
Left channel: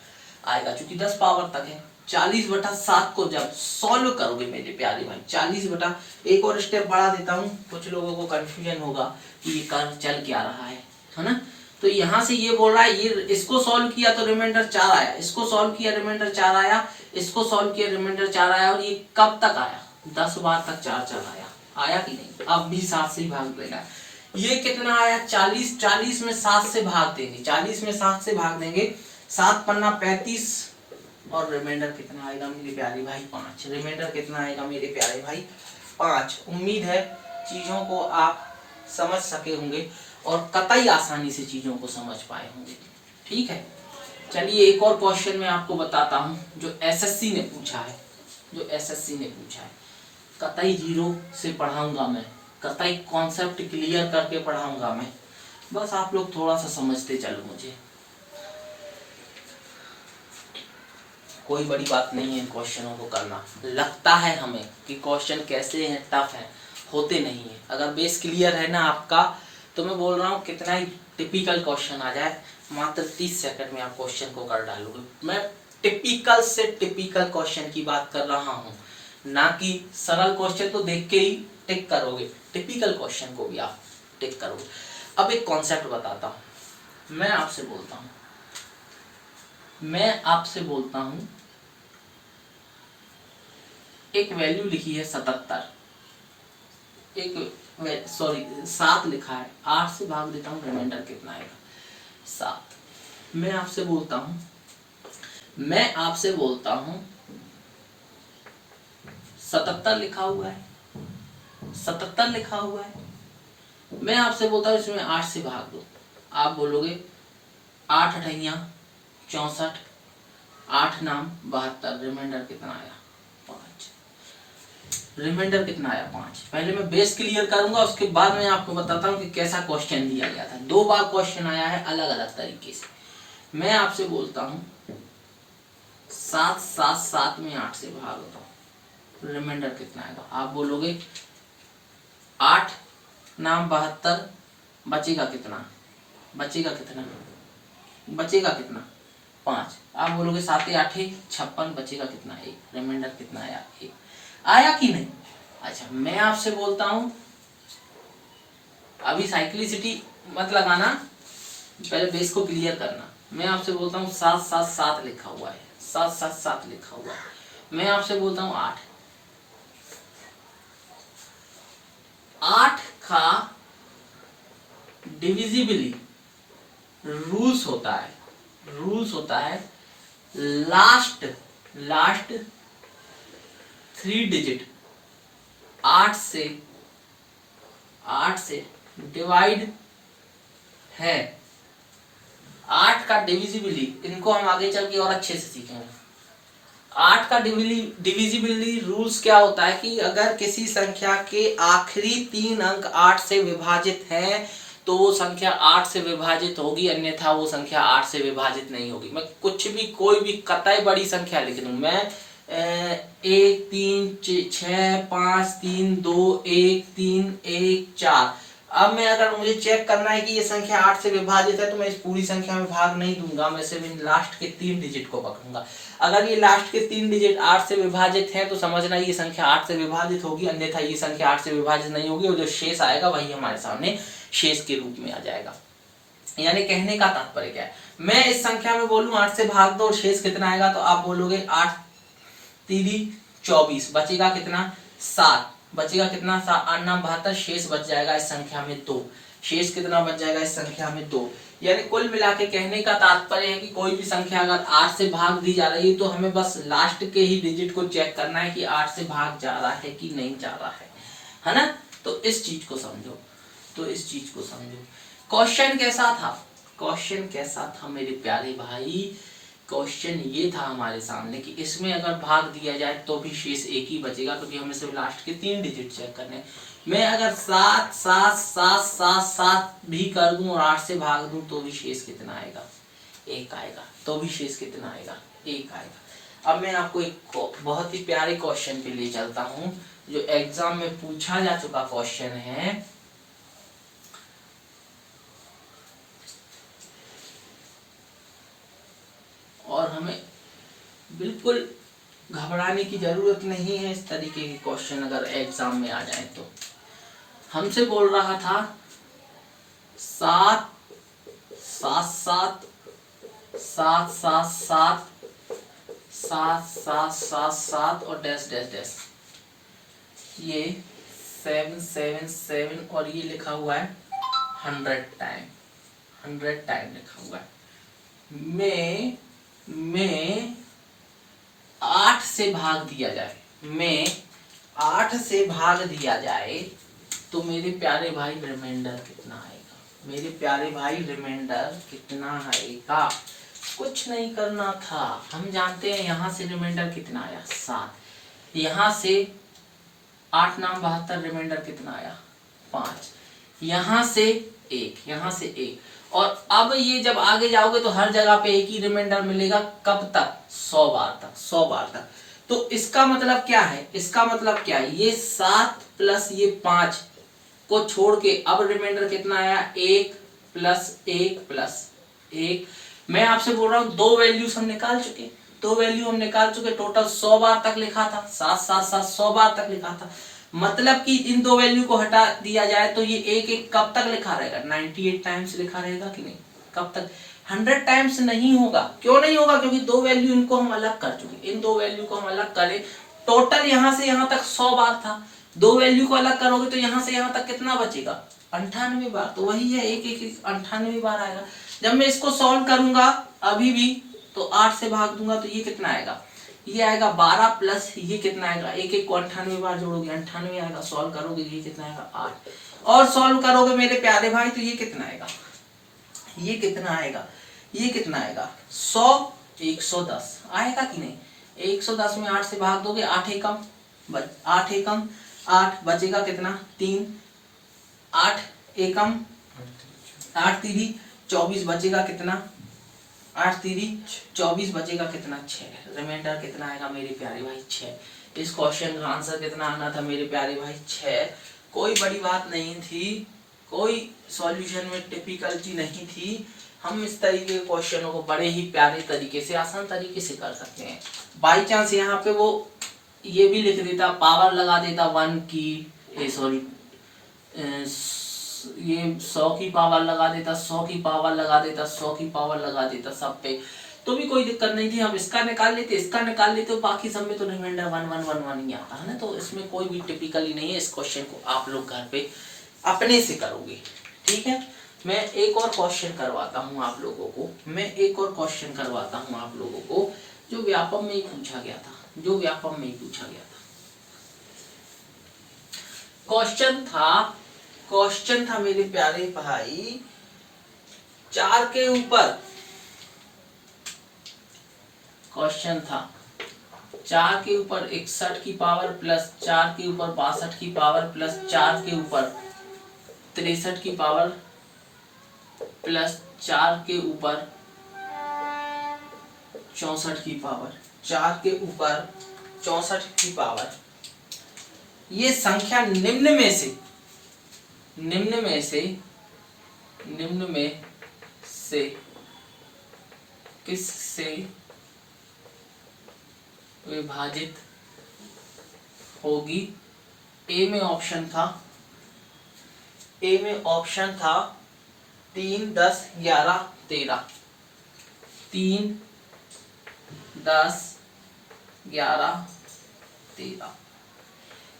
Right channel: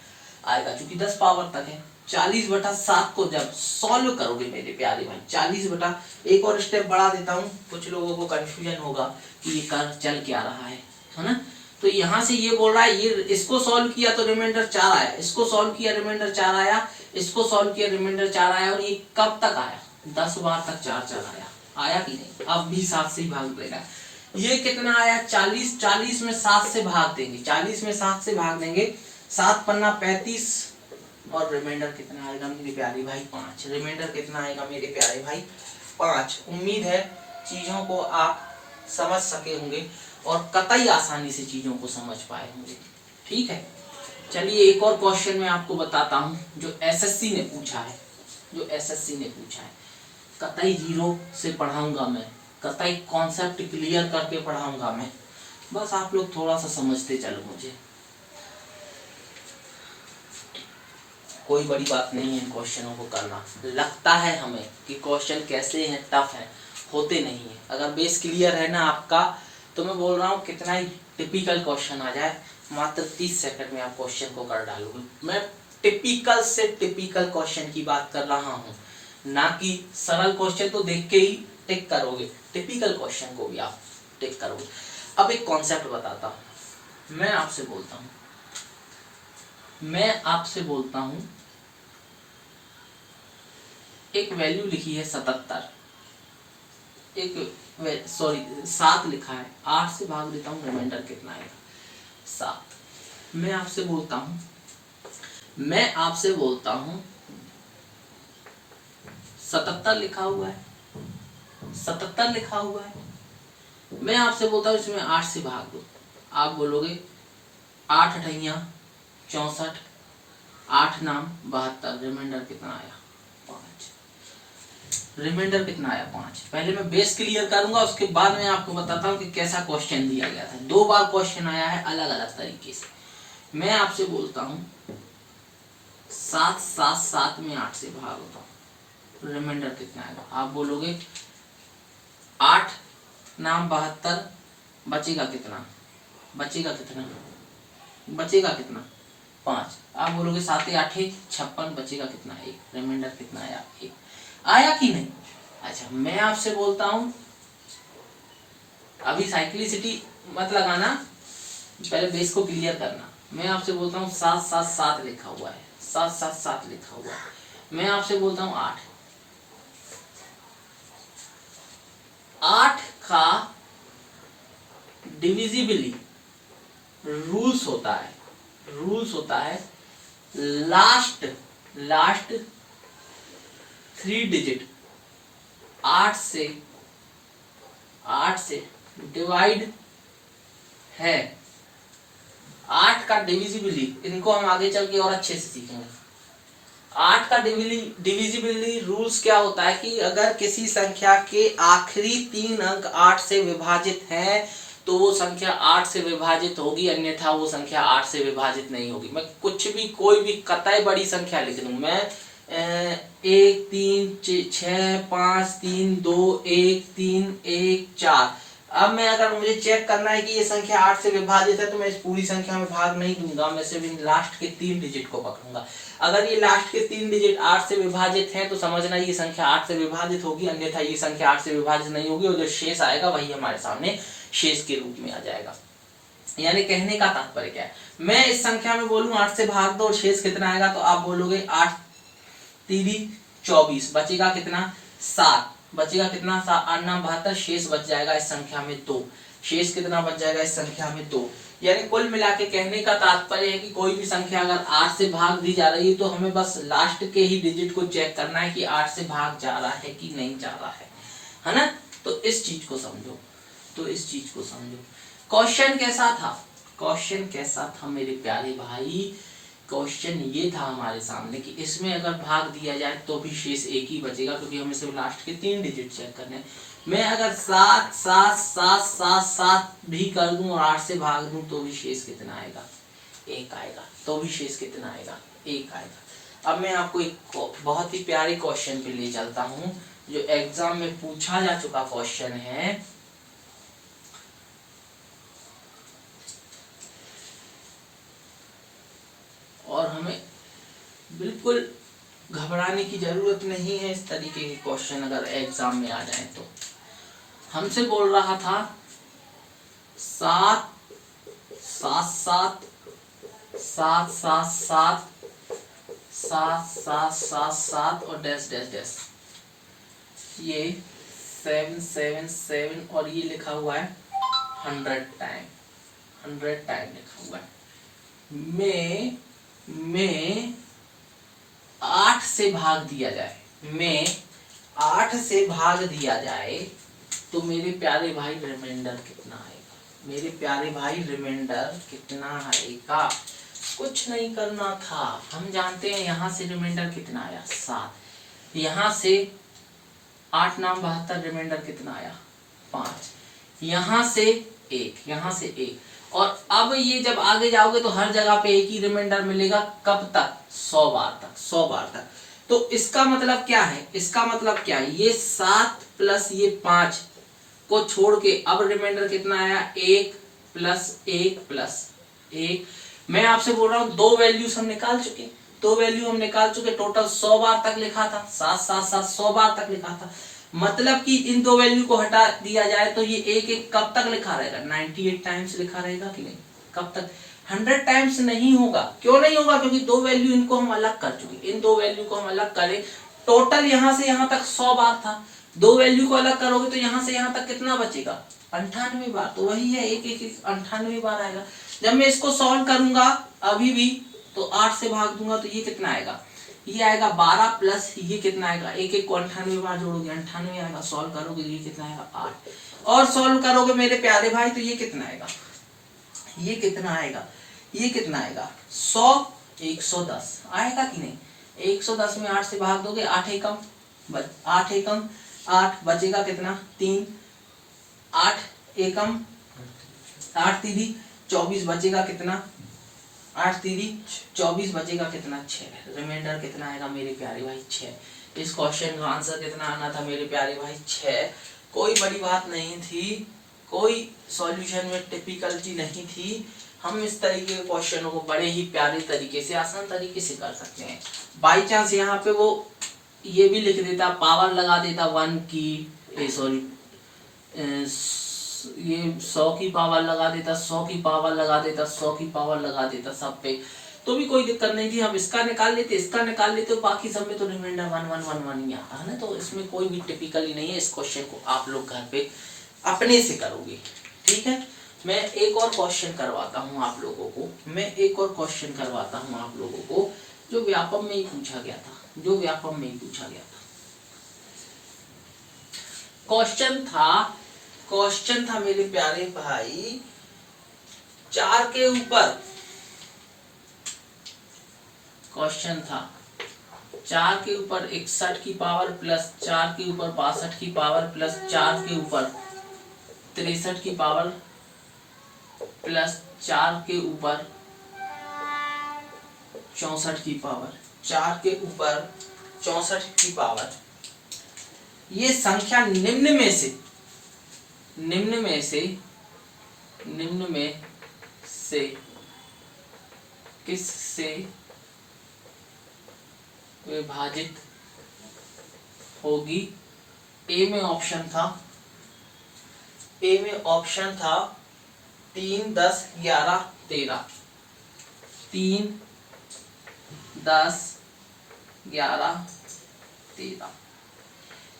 आएगा क्योंकि 10 पावर तक है। 40/7 को जब सॉल्व करोगे मेरे प्यारे भाई, 40 एक और स्टेप बढ़ा देता हूँ, कुछ लोगों को कंफ्यूजन होगा कि ये कर चल क्या रहा है ना। तो यहाँ से ये बोल रहा है, ये इसको सॉल्व किया तो रिमाइंडर 4 आया, इसको सॉल्व किया रिमाइंडर 4 आया, इसको सॉल्व किया रिमाइंडर 4 आया, और ये कब तक आया? 10 बार तक 4 आया कि नहीं? अब भी 7 से ही भाग देगा। ये कितना आया? 40। 40 में 7 से भाग देंगे, 40 में 7 से भाग देंगे, 7 पन्ना 35, और रिमाइंडर कितना आएगा मेरे प्यारे भाई? 5। रिमाइंडर कितना आएगा मेरे प्यारे भाई? 5। उम्मीद है चीजों को आप समझ सके होंगे और कतई आसानी से चीजों को समझ पाए होंगे। ठीक है, चलिए एक और क्वेश्चन मैं आपको बताता हूँ जो एसएससी ने पूछा है, जो एसएससी ने पूछा है। कतई जीरो से पढ़ाऊंगा मैं, कतई कॉन्सेप्ट क्लियर करके पढ़ाऊंगा मैं, बस आप लोग थोड़ा सा समझते चलो। मुझे कोई बड़ी बात नहीं है क्वेश्चनों को करना। लगता है हमें कि क्वेश्चन कैसे हैं, टफ है, होते नहीं है। अगर बेस क्लियर है ना आपका, तो मैं बोल रहा हूँ कितना ही टिपिकल क्वेश्चन आ जाए, मात्र 30 सेकंड में आप क्वेश्चन को कर डालोगे। मैं टिपिकल से टिपिकल क्वेश्चन की बात कर रहा हूँ, ना कि सरल क्वेश्चन तो देख के ही टिक करोगे, टिपिकल क्वेश्चन को भी आप टिक करोगे। अब एक कॉन्सेप्ट बताता हूँ, मैं आपसे बोलता हूँ एक वैल्यू लिखी है 77, एक सॉरी 7 लिखा है, 8 से भाग देता हूँ, रिमाइंडर कितना आएगा? 7। मैं आपसे बोलता हूँ 77 लिखा हुआ है, 77 लिखा हुआ है। मैं आपसे बोलता हूँ इसमें 8 से भाग दो। आप बोलोगे 8 अठैया 64, 8 नाम 72, रिमाइंडर कितना आया? 5। रिमाइंडर कितना आया? 5। पहले मैं बेस क्लियर करूंगा, उसके बाद मैं आपको बताता हूँ कि कैसा क्वेश्चन दिया गया था। 2 बार क्वेश्चन आया है अलग अलग तरीके से। मैं आपसे बोलता हूँ 7 7 7 में 8 से भाग दो, रिमाइंडर कितना आएगा? आप बोलोगे 8 नाम 72, बचेगा कितना? बचेगा कितना? 5। आप बोलोगे 7 8 56, बचेगा कितना? 1। रिमाइंडर कितना आया? 1। आया कि नहीं? अच्छा, मैं आपसे बोलता हूं, अभी साइक्लिसिटी मत लगाना, पहले बेस को क्लियर करना। मैं आपसे बोलता हूं 7 7 7 लिखा हुआ है, 7 7 7 लिखा हुआ है। मैं आपसे बोलता हूं 8 का डिविजिबली रूल्स होता है लास्ट 3 डिजिट 8 से डिवाइड है। 8 का डिविजिबली, इनको हम आगे चल के और अच्छे से सीखेंगे। 8 का डिविजिबिलिटी रूल्स क्या होता है कि अगर किसी संख्या के आखिरी 3 अंक 8 से विभाजित हैं तो वो संख्या 8 से विभाजित होगी, अन्यथा वो संख्या 8 से विभाजित नहीं होगी। मैं कुछ भी, कोई भी कतई बड़ी संख्या लिख दूं, मैं 1 3 6 5 3 2 1 3 1 4। अब मैं, अगर मुझे चेक करना है कि ये संख्या 8 से विभाजित है, तो मैं इस पूरी संख्या में भाग नहीं दूंगा, मैं सिर्फ इन लास्ट के 3 डिजिट को पकड़ूंगा। अगर ये लास्ट के 3 डिजिट 8 से विभाजित है तो समझना ये संख्या 8 से विभाजित होगी, अन्यथा ये संख्या 8 से विभाजित नहीं होगी, और जो शेष आएगा वही हमारे सामने शेष के रूप में आ जाएगा। यानी कहने का तात्पर्य क्या है, मैं इस संख्या में बोलूं 8 से भाग दो और शेष कितना आएगा, तो आप बोलोगे 8 3 24, बचेगा कितना? 7। बचेगा कितना? 8 नाम 72, शेष बच जाएगा इस संख्या में 2। शेष कितना बच जाएगा इस संख्या में? 2। यानी कुल मिला के कहने का तात्पर्य है कि कोई भी संख्या अगर 8 से भाग दी जा रही है तो हमें बस लास्ट के ही डिजिट को चेक करना है कि 8 से भाग जा रहा है कि नहीं जा रहा है ना। तो इस चीज को समझो, क्वेश्चन कैसा था मेरे प्यारे भाई क्वेश्चन ये था हमारे सामने कि इसमें अगर भाग दिया जाए तो भी शेष एक ही बचेगा, क्योंकि हमें सिर्फ लास्ट के 3 डिजिट चेक करने हैं। मैं अगर 7 7 7 7 7 भी कर दूं और 8 से भाग दूं तो भी शेष कितना आएगा? 1 आएगा। तो भी शेष कितना आएगा? 1 आएगा। अब मैं आपको एक बहुत ही प्यारे क्वेश्चन पे ले चलता हूँ, जो एग्जाम में पूछा जा चुका क्वेश्चन है। और हमें बिल्कुल घबराने की जरूरत नहीं है, इस तरीके के क्वेश्चन अगर एग्जाम में आ जाए तो। हमसे बोल रहा था 7 7 7 7 7 7 7 7 7 7 और डैश डैश डैश, ये 7 7 7 और ये लिखा हुआ है 100 टाइम, 100 टाइम लिखा हुआ है। में 8 से भाग दिया जाए, में 8 से भाग दिया जाए तो मेरे प्यारे भाई रिमाइंडर कितना आएगा? मेरे प्यारे भाई रिमाइंडर कितना आएगा? कुछ नहीं करना था, हम जानते हैं यहाँ से रिमाइंडर कितना आया? 7। यहाँ से 8 नाम 72, रिमाइंडर कितना आया? 5। यहाँ से 1, यहाँ से 1। और अब ये जब आगे जाओगे तो हर जगह पे एक ही रिमाइंडर मिलेगा। कब तक? 100 बार तक, 100 बार तक। तो इसका मतलब क्या है? इसका मतलब क्या है? ये 7 प्लस ये 5 को छोड़ के अब रिमाइंडर कितना आया? 1 प्लस 1 प्लस 1। मैं आपसे बोल रहा हूं 2 वैल्यूज हम निकाल चुके, 2 वैल्यू हम निकाल चुके। टोटल 100 बार तक लिखा था, 7 7 7 100 बार तक लिखा था। मतलब कि इन 2 वैल्यू को हटा दिया जाए तो ये 1 1 कब तक लिखा रहेगा? 98 टाइम्स लिखा रहेगा कि नहीं? कब तक? 100 टाइम्स नहीं होगा। क्यों नहीं होगा? क्योंकि 2 वैल्यू इनको हम अलग कर चुके। इन 2 वैल्यू को हम अलग करें, टोटल यहां से यहां तक 100 बार था। 2 वैल्यू को अलग करोगे तो यहां से यहां तक कितना बचेगा? 98 बार। तो वही है 1 1 98 बार आएगा। जब मैं इसको सॉल्व करूंगा अभी भी तो 8 से भाग दूंगा तो ये कितना आएगा? ये आएगा 12 प्लस ये कितना आएगा? 1 1 को 98 बार जोड़ोगे 98 आएगा। सॉल्व करोगे ये कितना आएगा? 8। और सॉल्व करोगे मेरे प्यारे भाई तो ये कितना आएगा? ये कितना आएगा? ये कितना आएगा? 100 110 आएगा कि नहीं? 110 में 8 से भाग दोगे, 8 एकम 8 एकम 8 बचेगा कितना? 3। 8 एकम 8 तीरी 24 बचेगा कितना? 8 तीरी 24 बचेगा कितना? 6। रिमाइंडर कितना आएगा मेरे प्यारे भाई? 6। इस क्वेश्चन का आंसर कितना आना था मेरे प्यारे भाई? 6। कोई बड़ी बात नहीं थी, कोई सॉल्यूशन में टिपिकलिटी नहीं थी। हम इस तरीके के क्वेश्चनों को बड़े ही प्यारे तरीके से, आसान तरीके से कर सकते हैं। बाई चांस यहाँ पे वो ये भी लिख देता, पावर लगा देता 1 की, सॉरी ये 100 की पावर लगा देता, 100 की पावर लगा देता, 100 की पावर लगा देता सब पे, तो भी कोई दिक्कत नहीं थी। हम इसका निकाल लेते, इसका निकाल लेते, बाकी सब में तो रिमाइंडर 1 1 1 1 ही आता है ना। तो इसमें कोई भी टिपिकली नहीं है। इस क्वेश्चन को आप लोग घर पे अपने से करोगे, ठीक है। मैं एक और क्वेश्चन करवाता हूँ आप लोगों को, मैं एक और क्वेश्चन करवाता हूँ आप लोगों को, जो व्यापम में ही पूछा गया था, जो व्यापम में ही पूछा गया था। क्वेश्चन था मेरे प्यारे भाई 4 के ऊपर, क्वेश्चन था 4 के ऊपर 61 की पावर प्लस 4 के ऊपर 62 की पावर प्लस 4 के ऊपर 63 की पावर प्लस 4 के ऊपर 64 की पावर, 4 के ऊपर 64 की पावर। ये संख्या निम्न में से किस से विभाजित होगी? ए में ऑप्शन था 3 10 11 13, 3 10 11 13।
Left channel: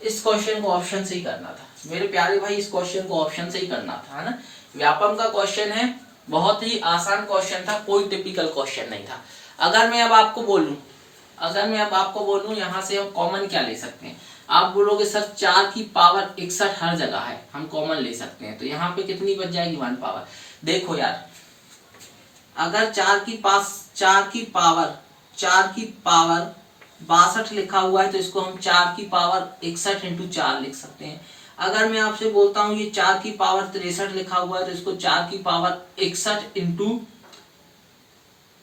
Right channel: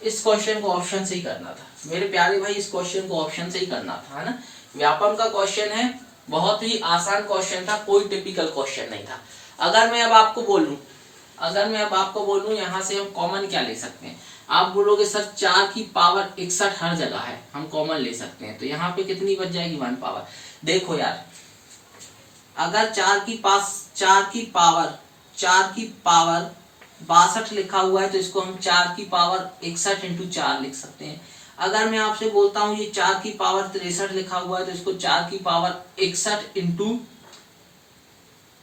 इस क्वेश्चन को ऑप्शन से ही करना था मेरे प्यारे भाई, इस क्वेश्चन को ऑप्शन से ही करना था, है ना। व्यापम का क्वेश्चन है, बहुत ही आसान क्वेश्चन था, कोई टिपिकल क्वेश्चन नहीं था। अगर मैं अब आपको बोलूं यहाँ से हम कॉमन क्या ले सकते हैं, आप बोलोगे सर 4 की पावर 61 हर जगह है, हम कॉमन ले सकते हैं, तो यहाँ पे कितनी बच जाएगी? 1 पावर। देखो यार अगर 4 की पावर 62 लिखा हुआ है तो इसको हम 4 की पावर 61 इंटू 4 लिख सकते हैं। अगर मैं आपसे बोलता हूं ये 4 की पावर 63 लिखा हुआ है तो इसको 4 की पावर 61 इंटू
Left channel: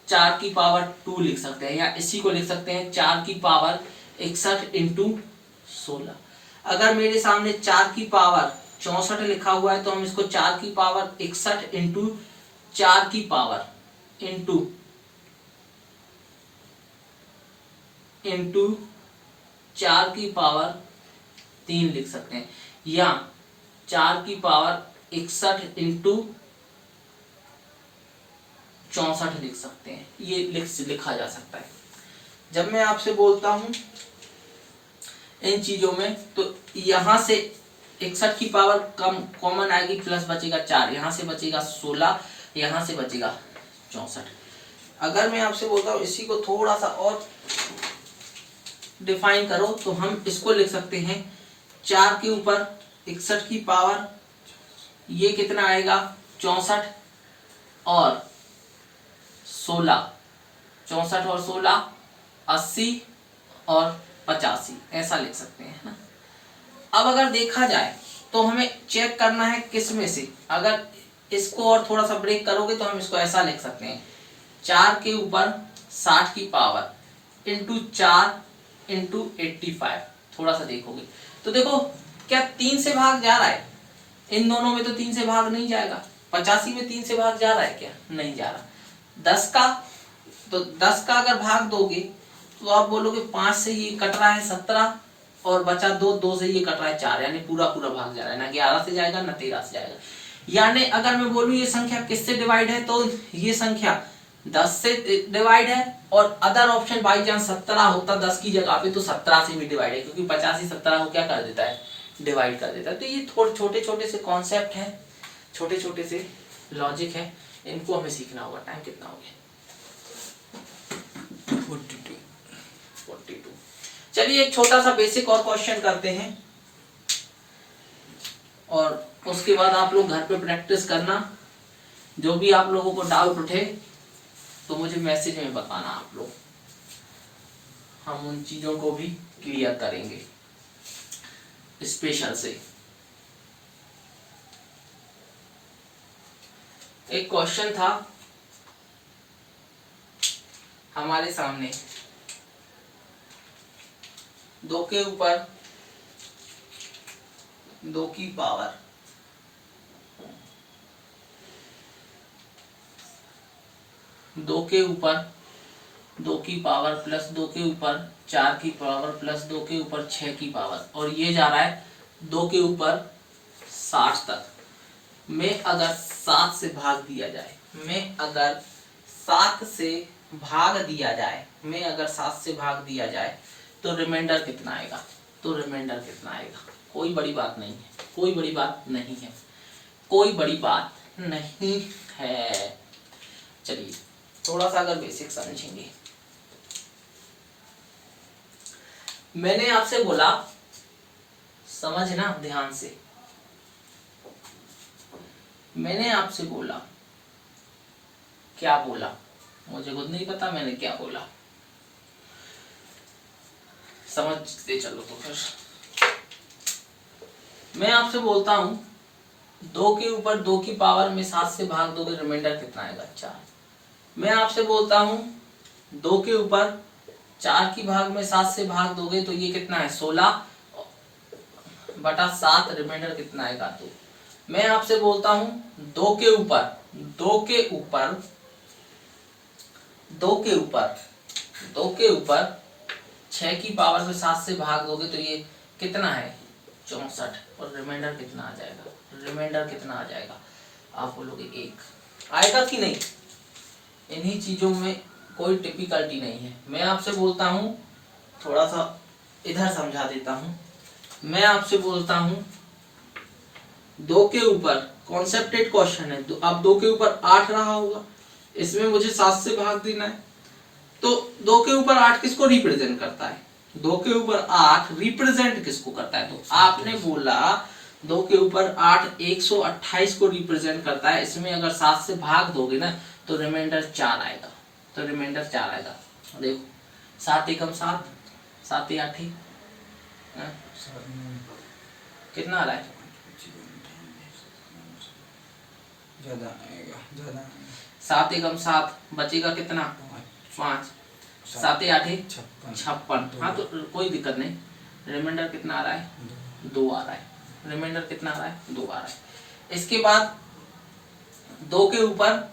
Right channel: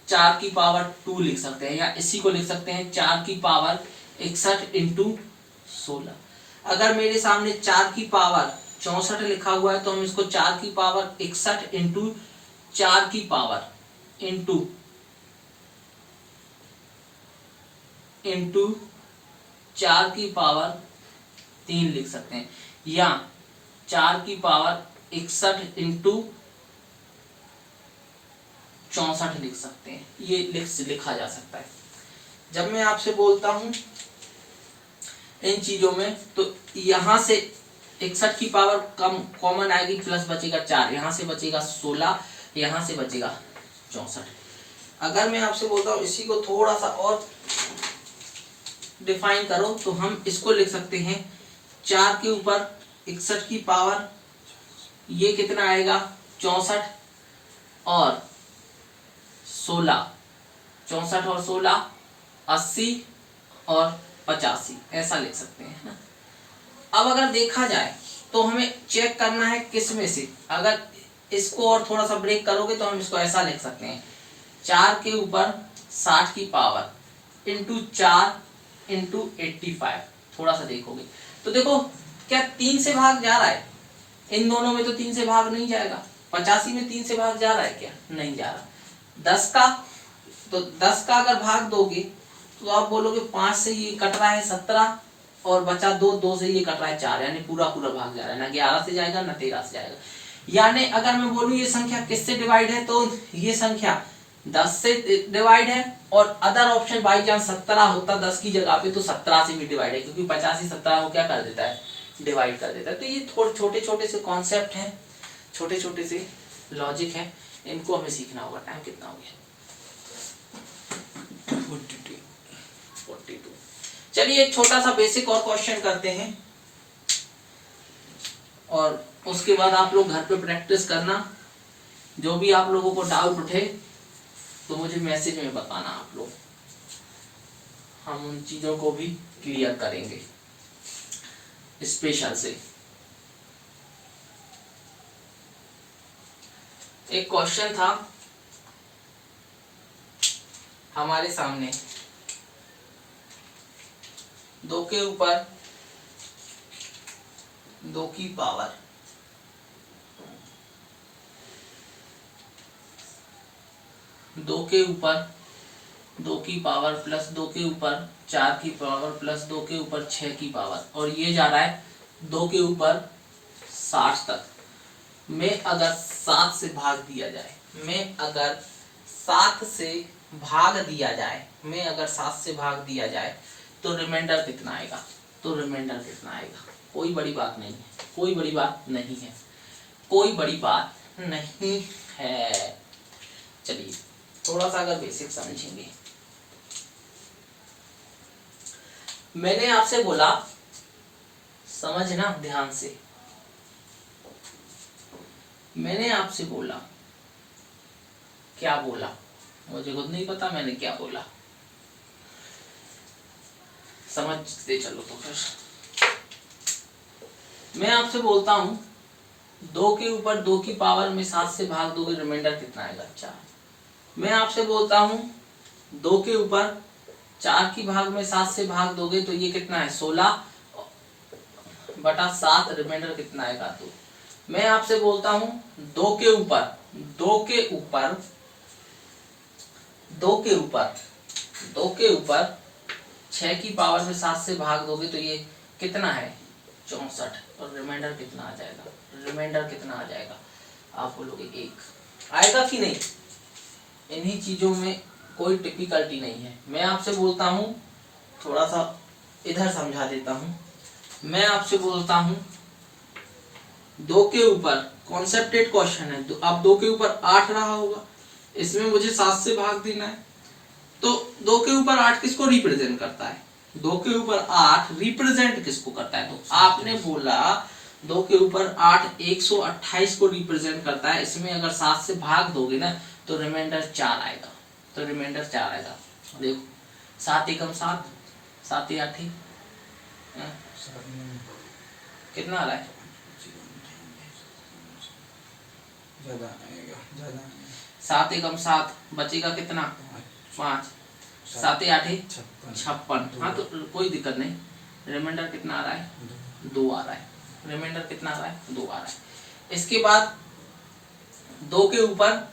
4 की पावर 2 लिख सकते हैं, या इसी को लिख सकते हैं 4 की पावर 61 इंटू 16। अगर मेरे सामने 4 की पावर 64 लिखा हुआ है तो हम इसको 4 की पावर 61 इंटू 4 की पावर इंटू 4 की पावर 3 लिख सकते हैं, या 4 की पावर 61 इंटू 64 लिख सकते हैं। ये लिखा जा सकता है। जब मैं आपसे बोलता हूं इन चीजों में तो यहां से 61 की पावर कॉमन आएगी, प्लस बचेगा 4, यहां से बचेगा 16, यहां से बचेगा 64। अगर मैं आपसे बोलता हूं इसी को थोड़ा सा और डिफाइन करो तो हम इसको लिख सकते हैं 4 के ऊपर 61 की पावर, ये कितना आएगा 64 और 16, 64 और 16 80 और 85, ऐसा लिख सकते हैं ना। अब अगर देखा जाए तो हमें चेक करना है किस में से, अगर इसको और थोड़ा सा ब्रेक करोगे तो हम इसको ऐसा लिख सकते हैं 4 के ऊपर 60 की पावर इंटू 4 इंटू 85। थोड़ा सा देखोगे तो देखो क्या 3 से भाग जा रहा है, इन दोनों में तो 3 से भाग नहीं जाएगा। 85 में 3 से भाग जा रहा है क्या, नहीं जा रहा। 10 का अगर भाग दोगे तो आप बोलोगे 5 से ये कट रहा है 17 और बचा 2 से ये कट रहा है 4, यानी पूरा भाग जा रहा है, ना 11 से जाएगा ना 13 से जाएगा। यानी अगर मैं बोलूं ये संख्या किससे डिवाइड है तो ये संख्या 10 से डिवाइड है, और अदर ऑप्शन बाई चांस 17 होता 10 की जगह पे तो 17 से भी डिवाइड है, क्योंकि 85 17 को क्या कर देता है, डिवाइड कर देता है। तो ये थोड़े छोटे छोटे से कॉन्सेप्ट हैं, छोटे छोटे से लॉजिक है, इनको हमें सीखना होगा। टाइम कितना हो गया, 42। चलिए एक छोटा सा बेसिक और क्वेश्चन करते हैं और उसके बाद आप लोग घर पे प्रैक्टिस करना। जो भी आप लोगों को डाउट उठे तो मुझे मैसेज में बताना आप लोग, हम उन चीजों को भी क्लियर करेंगे स्पेशल से। एक क्वेश्चन था हमारे सामने, 2 के ऊपर 2 की पावर 2 के ऊपर 2 की पावर प्लस 2 के ऊपर 4 की पावर प्लस 2 के ऊपर 6 की पावर, और ये जा रहा है 2 के ऊपर 60 तक। में अगर 7 से भाग दिया जाए, में अगर 7 से भाग दिया जाए, में अगर 7 से भाग दिया जाए तो रिमाइंडर कितना आएगा, तो रिमाइंडर कितना आएगा। कोई बड़ी बात नहीं है, कोई बड़ी बात नहीं है, कोई बड़ी बात नहीं है। चलिए थोड़ा सा अगर बेसिक समझेंगे, मैंने आपसे बोला समझना ध्यान से, मैंने आपसे बोला, क्या बोला मुझे खुद नहीं पता मैंने क्या बोला, समझते चलो। तो फिर मैं आपसे बोलता हूं 2 के ऊपर 2 की पावर में 7 से भाग दोगे रिमाइंडर कितना आएगा, 4। मैं आपसे बोलता हूं 2 के ऊपर 4 की भाग में 7 से भाग दोगे तो ये कितना है, 16 बटा 7, रिमाइंडर कितना आएगा, 2। मैं आपसे बोलता हूं 2 के ऊपर 2 के ऊपर 2 के ऊपर 2 के ऊपर 6 की पावर में 7 से भाग दोगे तो ये कितना है, 64, और रिमाइंडर कितना आ जाएगा, रिमाइंडर कितना आ जाएगा, आप बोलोगे 1 आएगा कि नहीं। इन्हीं चीजों में कोई टिपिकलिटी नहीं है। मैं आपसे बोलता हूं, थोड़ा सा इधर समझा देता हूं, मैं आपसे बोलता हूं 2 के ऊपर कॉन्सेप्टेड क्वेश्चन है, अब 2 के ऊपर 8 रहा होगा, इसमें मुझे 7 से भाग देना है, तो 2 के ऊपर 8 किसको रिप्रेजेंट करता है, 2 के ऊपर 8 रिप्रेजेंट किसको करता है, तो आपने बोला 2 के ऊपर 8 128 को रिप्रेजेंट करता है। इसमें अगर 7 से भाग दोगे ना तो रिमाइंडर 4 आएगा। तो रिमाइंडर 4 आएगा। देखो 7 एकम 7, 7 8 कितना आ रहा है? ज़्यादा आएगा। 7 एकम 7 बचेगा कितना? 5, 7 8 56। हाँ तो कोई दिक्कत नहीं। रिमाइंडर कितना आ रहा है? 2 आ रहा है। रिमाइंडर कितना आ रहा है? 2 आ रहा है। इसके बाद 2 के ऊपर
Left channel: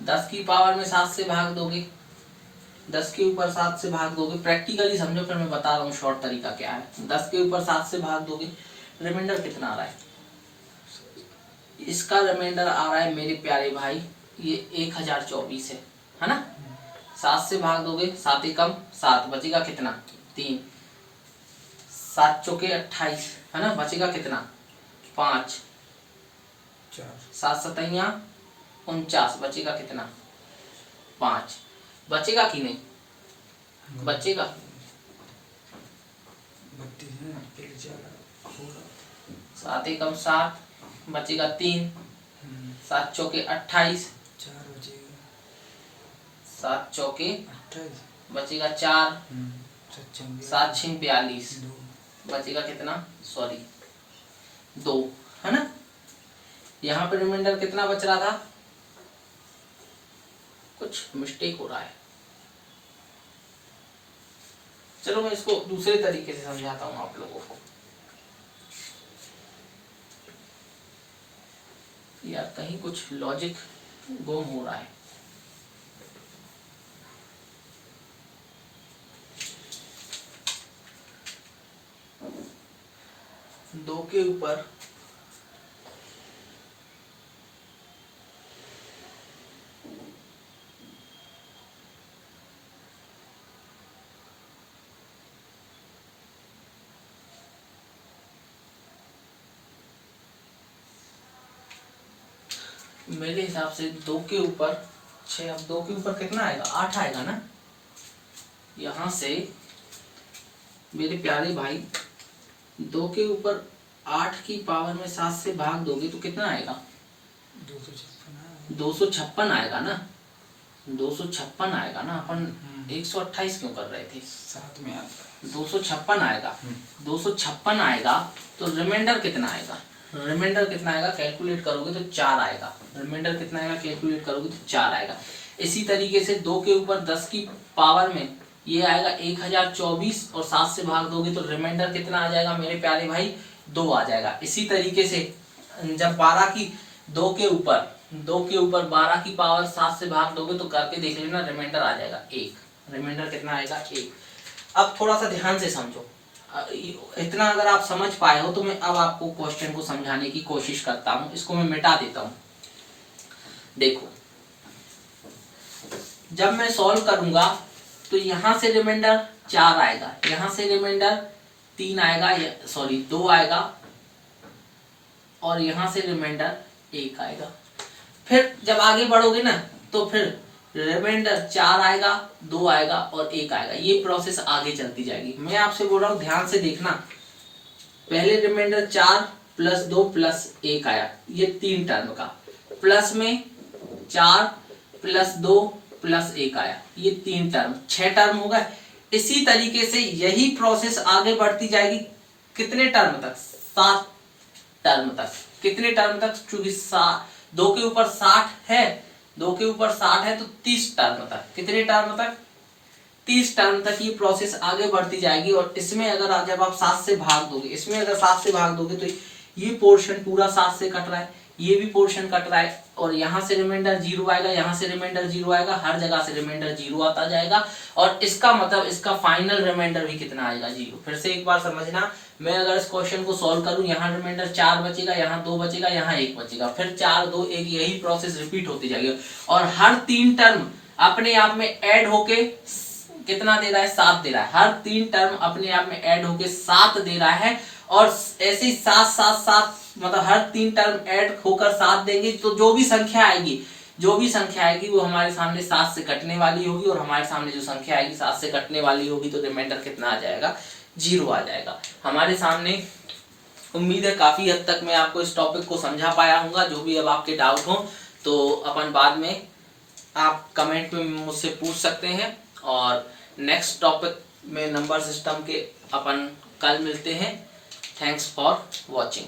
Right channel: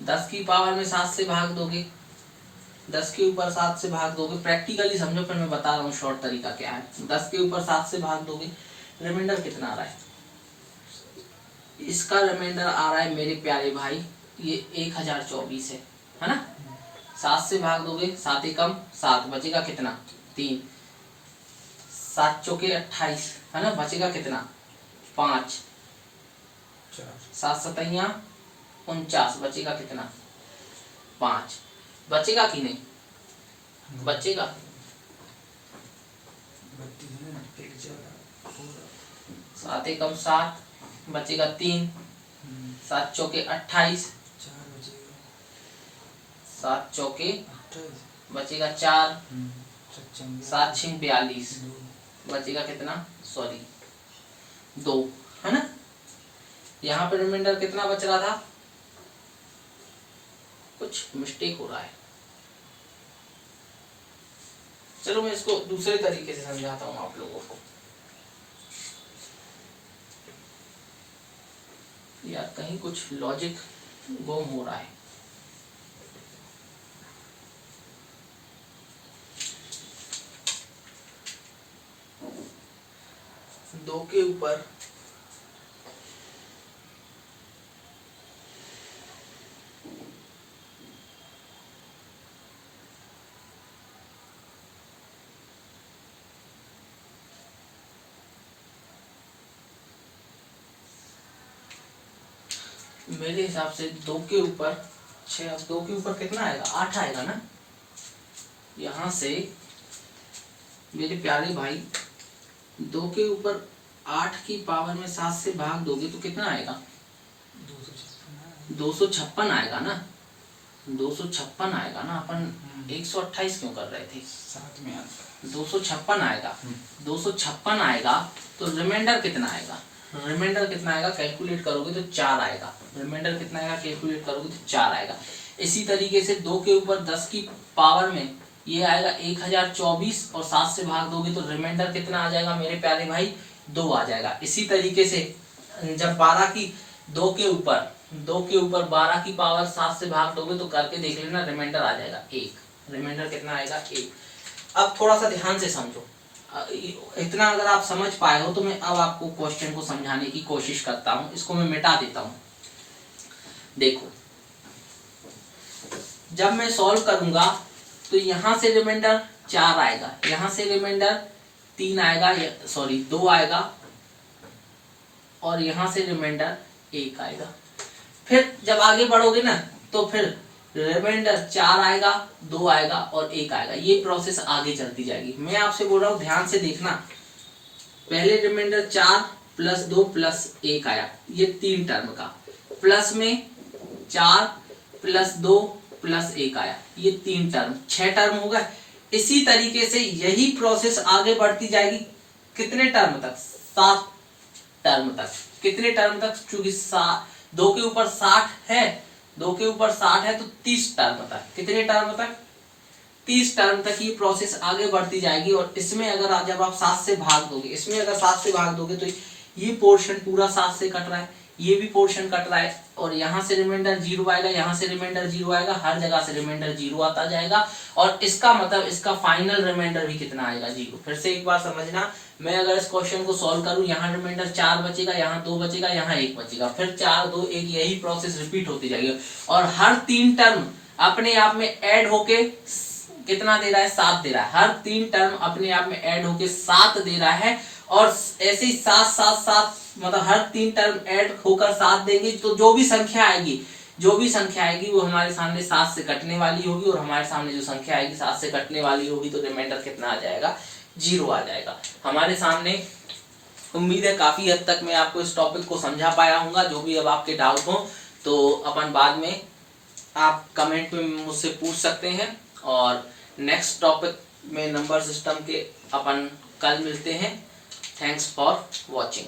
10 की पावर में 7 से भाग दोगे। 10 के ऊपर 7 से भाग दोगे। प्रैक्टिकली समझो, फिर मैं बता रहा हूँ शॉर्ट तरीका क्या है। 10 के ऊपर 7 से भाग दोगे। रिमाइंडर कितना आ रहा है? इसका रिमाइंडर आ रहा है मेरे प्यारे भाई, ये 1024 है ना। 7 से भाग दोगे, 7 एकम 7 बचेगा कितना? 3, 7 चौके 28 है ना। बचेगा कितना? 5, 7 सतैया 49 बचेगा कितना? 5। बचेगा कि नहीं? बचेगा। 7 एकम 7 बचेगा 3, 7 चौके 28, 7 चौके बचेगा 4, 7 6 42 बचेगा कितना? सॉरी 2 है ना। यहाँ पर रिमाइंडर कितना बच रहा था? कुछ मिस्टेक हो रहा है। चलो मैं इसको दूसरे तरीके से समझाता हूँ आप लोगों को। यार कहीं कुछ लॉजिक गुम हो रहा है। दो के ऊपर मेरे हिसाब से 2 के ऊपर 6, अब 2 के ऊपर कितना आएगा? 8 आएगा ना। यहां से मेरे प्यारे भाई 2 के ऊपर 8 की पावर में 7 से भाग दोगे तो कितना आएगा? 256 आएगा ना। 256 आएगा ना। अपन 128 क्यों कर रहे थे? साथ में आता 256 आएगा। 256 आएगा तो रिमाइंडर कितना आएगा? रिमाइंडर कितना आएगा? कैलकुलेट करोगे तो 4 आएगा। रिमाइंडर कितना आएगा? कैलकुलेट करोगे तो 4 आएगा। इसी तरीके से 2 के ऊपर 10 की पावर में ये आएगा 1024 और 7 से भाग दोगे तो रिमाइंडर कितना आ जाएगा मेरे प्यारे भाई? 2 आ जाएगा। इसी तरीके से जब 12 की 2 के ऊपर 12 की पावर 7 से भाग दोगे तो करके देख लेना, रिमाइंडर आ जाएगा 1। रिमाइंडर कितना आएगा? 1। अब थोड़ा सा ध्यान से समझो। इतना अगर आप समझ पाए हो तो मैं अब आपको क्वेश्चन को समझाने की कोशिश करता हूं। इसको मैं मिटा देता हूं। देखो जब मैं सॉल्व करूंगा तो यहां से रिमाइंडर 4 आएगा, यहां से रिमाइंडर 3 आएगा, सॉरी 2 आएगा, और यहां से रिमाइंडर 1 आएगा। फिर जब आगे बढ़ोगे ना तो फिर रिमाइंडर 4 आएगा, 2 आएगा और 1 आएगा। ये प्रोसेस आगे चलती जाएगी। मैं आपसे बोल रहा हूं ध्यान से देखना। पहले रिमाइंडर 4 प्लस 2 प्लस 1 आया, ये 3 टर्म का। प्लस में 4 प्लस 2 प्लस 1 आया, ये 3 टर्म, 6 टर्म हो गए। इसी तरीके से यही प्रोसेस आगे बढ़ती जाएगी। कितने टर्म तक? 7 टर्म तक। कितने टर्म तक? चूंकि 2 के ऊपर 60 है, 2 के ऊपर 60 है तो 30 टर्म तक। कितने टर्म तक? 30 टर्म तक ये प्रोसेस आगे बढ़ती जाएगी। और इसमें अगर जब आप 7 से भाग दोगे, इसमें अगर 7 से भाग दोगे तो ये पोर्शन पूरा 7 से कट रहा है, ये भी पोर्शन कट रहा है, और यहां से रिमाइंडर 0 आएगा, यहां से रिमाइंडर 0 आएगा, हर जगह से रिमाइंडर 0 आता जाएगा। और इसका मतलब इसका फाइनल रिमाइंडर भी कितना आएगा? 0। फिर से एक बार समझना, मैं अगर इस क्वेश्चन को सॉल्व करूं, यहाँ रिमाइंडर 4 बचेगा, यहाँ 2 बचेगा, यहाँ 1 बचेगा, फिर 4 2 1, यही प्रोसेस रिपीट होती जाएगी। और हर 3 टर्म अपने आप में ऐड होके कितना दे रहा है? 7 दे रहा है। हर 3 टर्म अपने आप में ऐड होके 7 दे रहा है। और ऐसे ही 7 7 7 मतलब हर 3 टर्म ऐड होकर 7 देंगे तो जो भी संख्या आएगी वो हमारे सामने 7 से कटने वाली होगी। और हमारे सामने जो संख्या आएगी 7 से कटने वाली होगी तो रिमाइंडर कितना आ जाएगा? 0 आ जाएगा हमारे सामने। उम्मीद है काफी हद तक मैं आपको इस टॉपिक को समझा पाया हूँ। जो भी अब आपके डाउट हो तो अपन बाद में आप कमेंट में मुझसे पूछ सकते हैं, और नेक्स्ट टॉपिक में नंबर सिस्टम के अपन कल मिलते हैं। Thanks for watching.